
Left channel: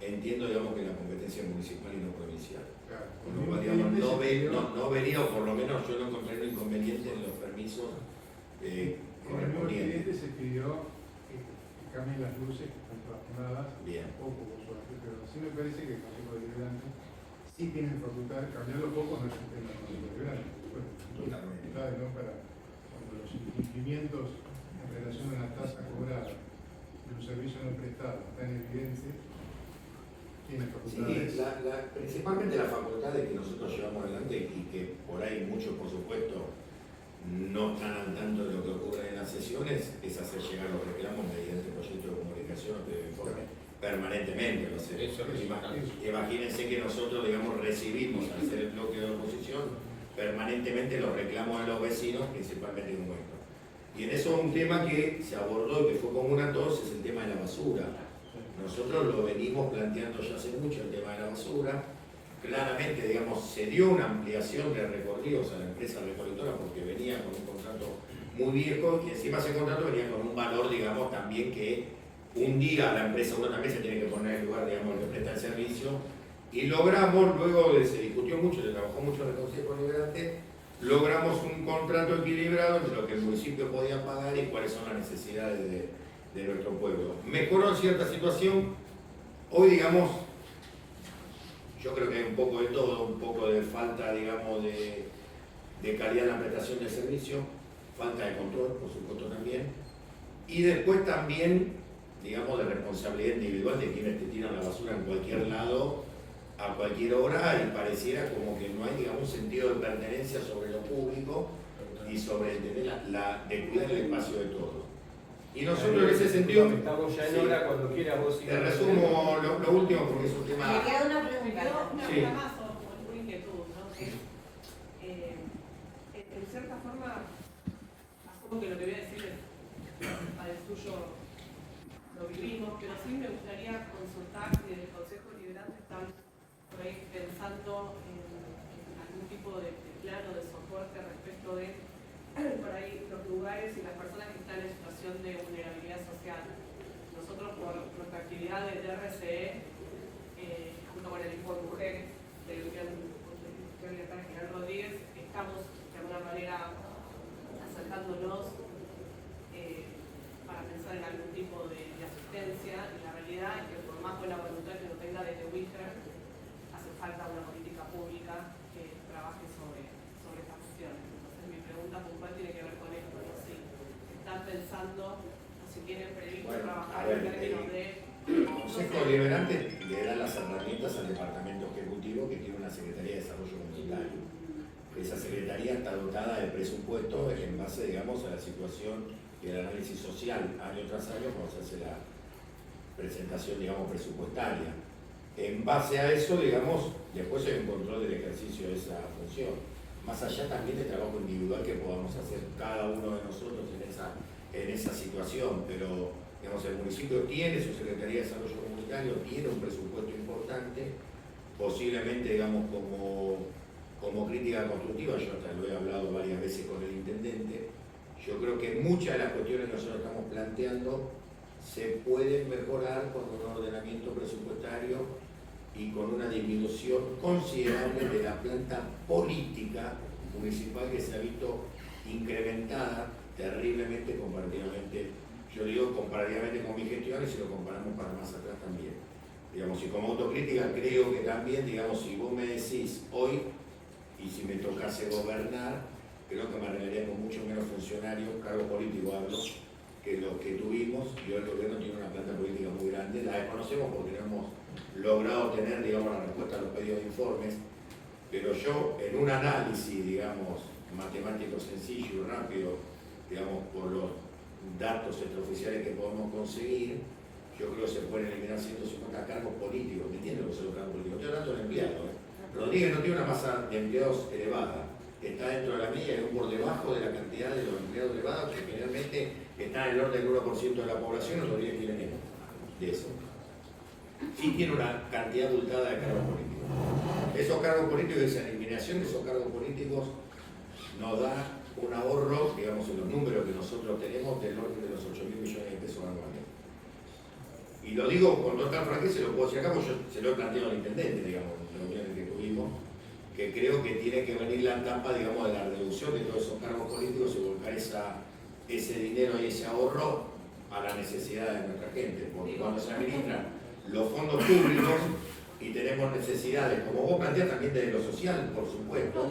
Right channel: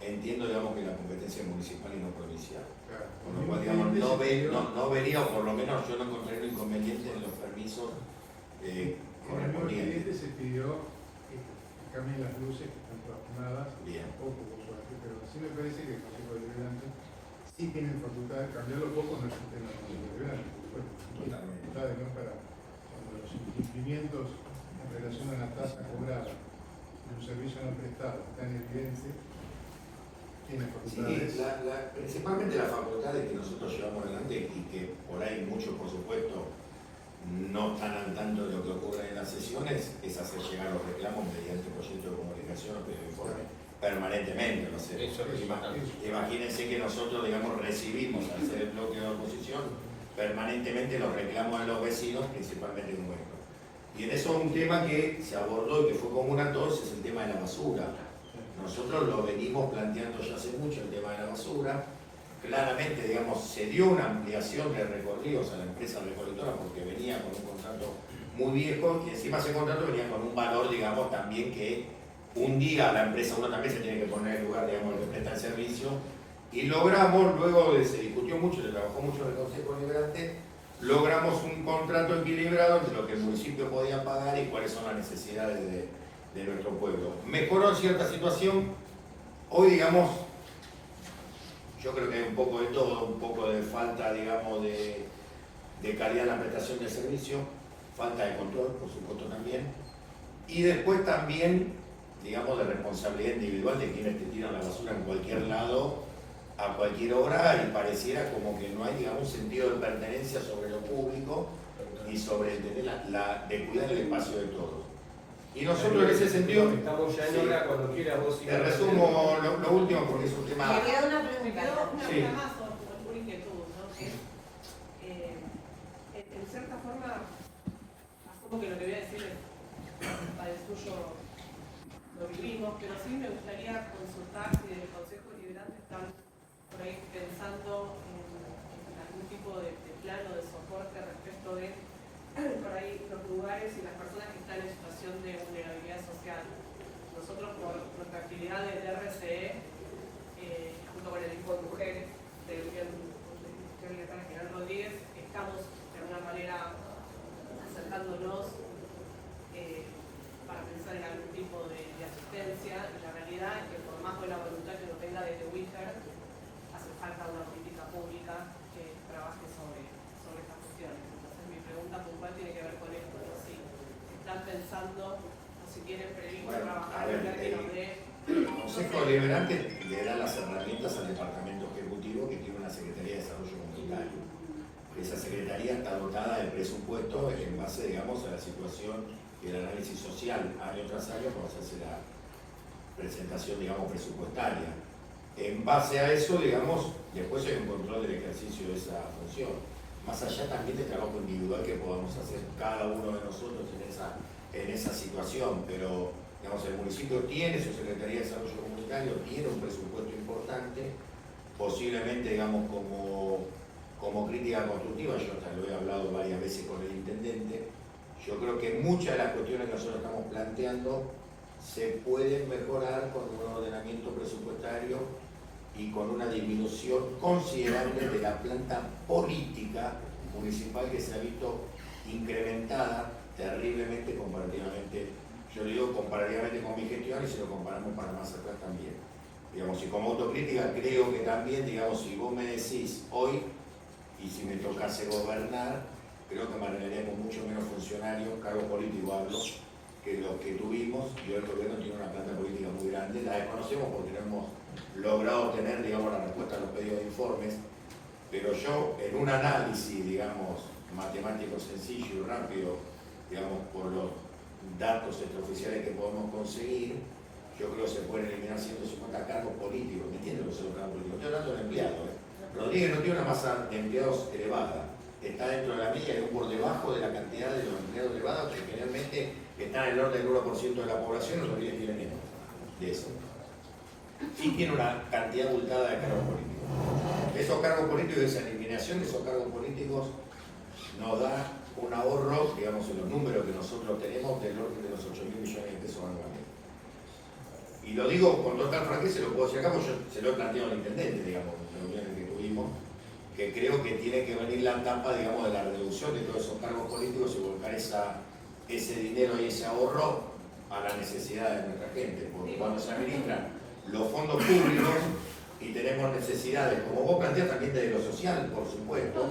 entiendo, digamos, que la competencia municipal y no provincial. Claro. Con lo cual, digamos, no venía, o por lo menos yo no encontré un inconveniente en los permisos correspondientes. Se pidió que cambien las luces que están trabajadas, Bien. poco, pero sí me parece que el Consejo Deliberante sí tiene facultad de cambiarlo poco, no es el tema del Consejo Deliberante, por supuesto. Facultades, ¿no? Para cuando los incumplimientos en relación a la tasa cobrada de un servicio no prestado está en evidencia, tiene facultades. Sí, principalmente la facultad de que nosotros llevamos adelante y que por ahí muchos, por supuesto, no están al tanto de lo que ocurre en las sesiones, es hacer llegar los reclamos mediante proyecto de comunicación o de informe permanentemente. No sé, imagínense que nosotros, digamos, recibimos al ser el bloque de oposición permanentemente los reclamos de los vecinos, principalmente de nuestros. Y en eso un tema que se abordó y que fue común a todos es el tema de la basura. Nosotros lo venimos planteando ya hace mucho, el tema de la basura. Claramente, digamos, se dio una ampliación de recorridos a la empresa recolectora porque venía con un contrato muy viejo y encima ese contrato venía con un valor, digamos, también que un día la empresa, uno también se tiene que poner en el lugar, digamos, que presta el servicio. Y logramos, luego de, se discutió mucho, se trabajó mucho en el Consejo Deliberante, logramos un contrato equilibrado entre lo que el municipio podía pagar y cuáles son las necesidades de nuestro pueblo. Mejoró cierta situación, hoy, digamos, yo creo que hay un poco de todo, un poco de falta, digamos, de calidad en la prestación del servicio, falta de control, por supuesto, también, y después también, digamos, de responsabilidad individual de quienes te tiran la basura en cualquier lado, a cualquier hora, y pareciera como que no hay, digamos, un sentido de pertenencia sobre lo público y sobre el tener de cuidar el espacio de todos. Y nosotros en ese sentido... Estamos ya en hora, cuando quieras vos. Te resumo lo último porque es un tema... Me queda una pregunta. Una Sí. pregunta más o una inquietud, ¿no? En cierta forma, asumo que lo que voy a decir es para el suyo lo vivimos, pero sí me gustaría consultar si en el Consejo Deliberante están por ahí pensando en algún tipo de plano de soporte respecto de por ahí los lugares y las personas que están en situación de vulnerabilidad social. Nosotros por nuestra actividad del RCE, junto con el equipo de mujeres del General Rodríguez, estamos de alguna manera acercándonos para pensar en algún tipo de asistencia. Y la realidad es que por más buena voluntad que lo tenga desde Witter, hace falta una política pública que trabaje sobre estas cuestiones. Entonces mi pregunta puntual tiene que ver con esto, ¿no? Si están pensando o si tienen previsto trabajar en términos de... El Consejo Deliberante le da las herramientas al Departamento Ejecutivo que tiene una Secretaría de Desarrollo Comunitario. Esa Secretaría está dotada de presupuesto en base, digamos, a la situación y el análisis social año tras año cuando se hace la presentación, digamos, presupuestaria. En base a eso, digamos, después hay un control del ejercicio de esa función. Más allá también del trabajo individual que podemos hacer cada uno de nosotros en esa situación, pero digamos, el municipio tiene su Secretaría de Desarrollo Comunitario, tiene un presupuesto importante, posiblemente, digamos, como crítica constructiva, yo hasta lo he hablado varias veces con el intendente, yo creo que muchas de las cuestiones que nosotros estamos planteando se pueden mejorar con un ordenamiento presupuestario y con una disminución considerable de la planta política municipal que se ha visto incrementada terriblemente comparativamente, yo digo comparativamente con mi gestión y si lo comparamos para más atrás también. Digamos, y como autocrítica creo que también, digamos, si vos me decís hoy, y si me tocase gobernar, creo que manejaríamos mucho menos funcionarios, cargos políticos hablo, que los que tuvimos, y hoy el gobierno tiene una planta política muy grande, la desconocemos porque no hemos logrado tener, digamos, la respuesta a los pedidos de informes, pero yo en un análisis, digamos, matemático sencillo y rápido, digamos, por los datos extraoficiales que podemos conseguir, yo creo que se pueden eliminar 150 cargos políticos. ¿Me entiendes lo que son los cargos políticos? Estoy hablando de empleados. Rodríguez no tiene una masa de empleados elevada. Está dentro de la media y por debajo de la cantidad de los empleados elevados que generalmente están en el orden del 1% de la población. Rodríguez tiene menos de eso. Sí tiene una cantidad abultada de cargos políticos. Esos cargos políticos, esa eliminación de esos cargos políticos nos da un ahorro, digamos, en los números que nosotros tenemos del orden de los 8.000 millones de pesos anuales. Y lo digo con total franqueza, se lo puedo decir acá, porque yo se lo he planteado al intendente, digamos, en las reuniones que tuvimos, que creo que tiene que venir la etapa, digamos, de la reducción de todos esos cargos políticos y volcar ese dinero y ese ahorro a la necesidad de nuestra gente. Porque cuando se administran los fondos públicos y tenemos necesidades, como vos planteás también de lo social, por supuesto,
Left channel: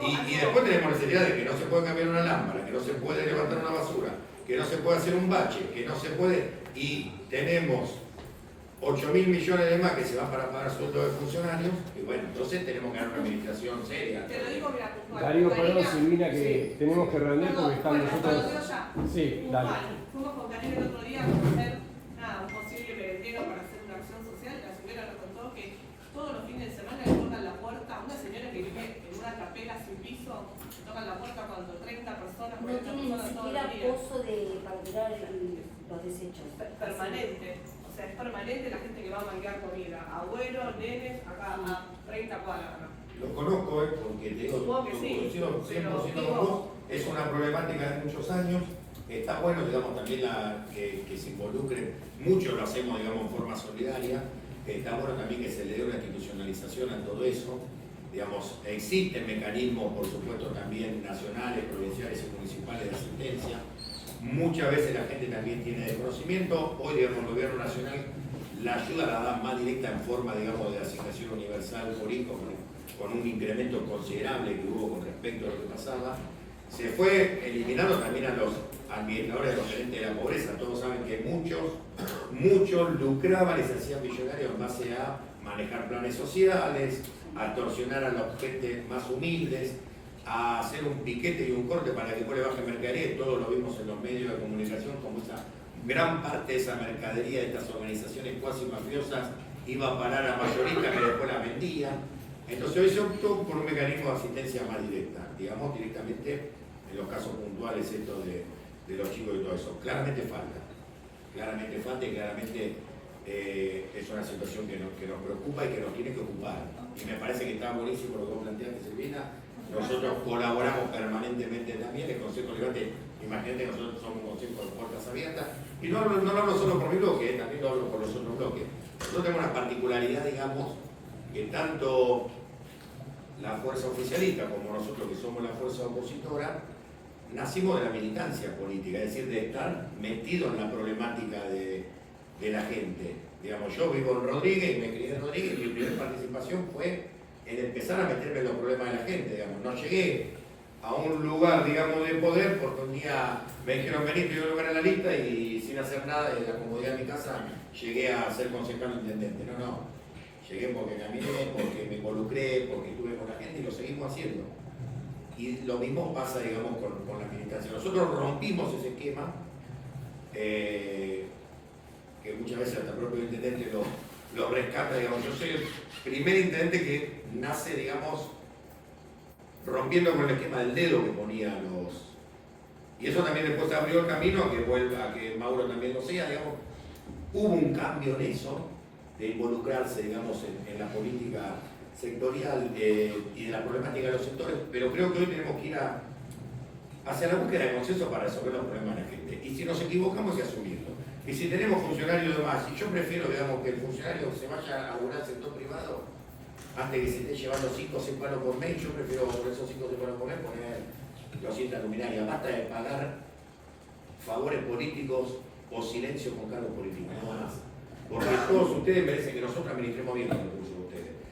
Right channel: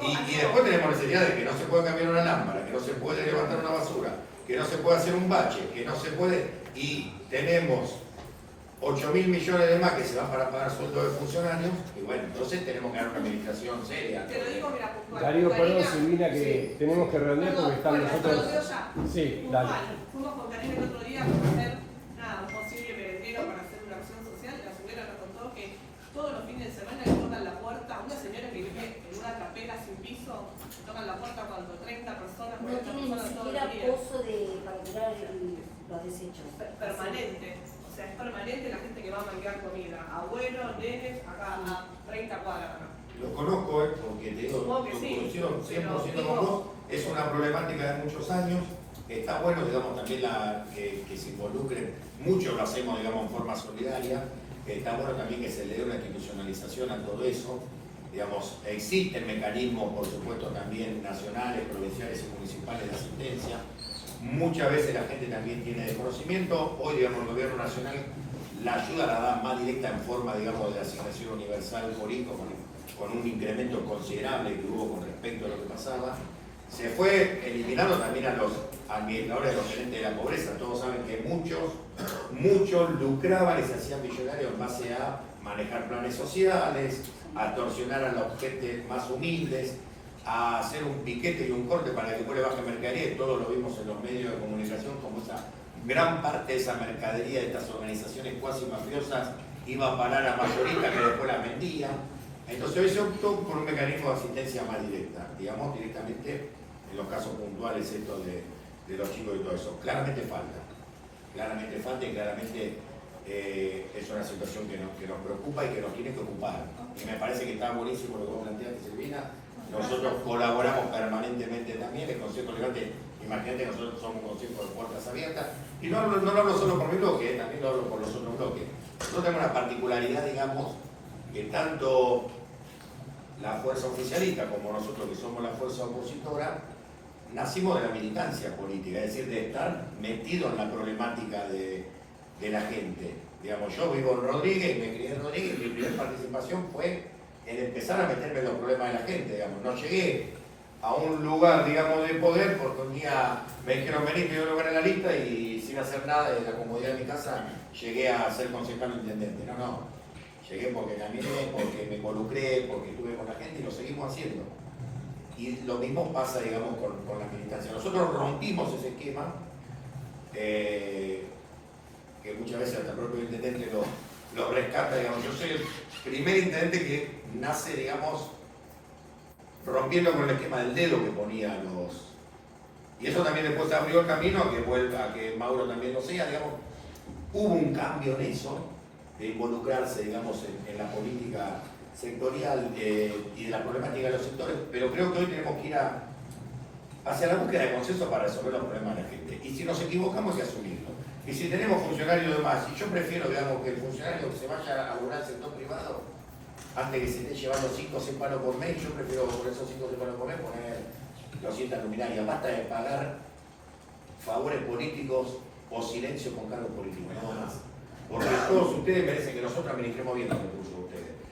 y después tenemos necesidad de que no se puede cambiar una lámpara, que no se puede levantar una basura, que no se puede hacer un bache, que no se puede, y tenemos 8.000 millones de más que se van para pagar sueldos de funcionarios, y bueno, entonces tenemos que dar una administración seria. Darío, perdón, Silvina, que tenemos que redondear porque están nosotros. Sí, dale. Fuimos con Daniel el otro día a hacer un posible merendero para hacer una acción social y la señora nos contó que todos los fines de semana le tocan la puerta a una señora que vive en una capela sin piso, le tocan la puerta cuando 30 personas, no tiene ni siquiera pozo para tirar los desechos. Permanente. O sea, es permanente la gente que va a manguear comida. Abuelos, nenes, acá a 30 cuadras. Lo conozco, porque te digo, Supongo que sí, 100% con vos, es una problemática de muchos años. Está bueno, digamos, también que se involucren, mucho lo hacemos, digamos, en forma solidaria. Está bueno también que se le dé una institucionalización a todo eso. Digamos, existen mecanismos, por supuesto, también nacionales, provinciales y municipales de asistencia. Muchas veces la gente también tiene desconocimiento. Hoy, digamos, el gobierno nacional la ayuda la da más directa en forma, digamos, de asignación universal por ICO, con un incremento considerable que hubo con respecto a lo que pasaba. Se fue eliminando también a los administradores de los gerentes de la pobreza. Todos saben que muchos lucraban y se hacían millonarios en base a manejar planes sociales, a extorsionar a los gentes más humildes, a hacer un piquete y un corte para que después le baje mercadería, y todos lo vimos en los medios de comunicación, como esa gran parte de esa mercadería de estas organizaciones cuasi mafiosas iba a parar a mayoristas que después la vendían. Entonces hoy se optó por un mecanismo de asistencia más directa, digamos directamente en los casos puntuales estos de los chicos y todo eso. Claramente falta y claramente es una situación que nos preocupa y que nos tiene que ocupar. Y me parece que está buenísimo lo que vos planteaste, Silvina. Nosotros colaboramos permanentemente también, el Consejo Liberante, imagínate, nosotros somos un consejo de puertas abiertas, y no lo hablo solo por mi bloque, también lo hablo por los otros bloques. Nosotros tenemos una particularidad, digamos, que tanto la fuerza oficialista como nosotros que somos la fuerza opositora, nacimos de la militancia política, es decir, de estar metidos en la problemática de la gente. Digamos, yo vivo en Rodríguez y me crié en Rodríguez, y mi primera participación fue en empezar a meterme en los problemas de la gente, digamos. No llegué a un lugar, digamos, de poder porque un día me dijeron venir, me dio lugar en la lista y sin hacer nada, de la comodidad de mi casa, llegué a ser concejal intendente. No. Llegué porque caminé, porque me involucré, porque estuve con la gente y lo seguimos haciendo. Y lo mismo pasa, digamos, con la militancia. Nosotros rompimos ese esquema, que muchas veces hasta el propio intendente lo rescata, digamos. Yo soy el primer intendente que nace, digamos, rompiendo con el esquema del dedo que ponía los... Y eso también después abrió el camino a que Mauro también lo sea, digamos. Hubo un cambio en eso, de involucrarse, digamos, en la política sectorial y de la problemática de los sectores, pero creo que hoy tenemos que ir hacia la búsqueda de consenso para resolver los problemas de la gente. Y si nos equivocamos, hay que asumirlo. Y si tenemos funcionarios de más, y yo prefiero, digamos, que el funcionario se vaya a laburar al sector privado antes que se esté llevando 5 o 6 palos por mes, yo prefiero por esos 5 o 6 palos por mes poner 200 luminarias. Basta de pagar favores políticos o silencio con cargos políticos, nada más. Porque todos ustedes merecen que nosotros administremos bien los recursos de ustedes.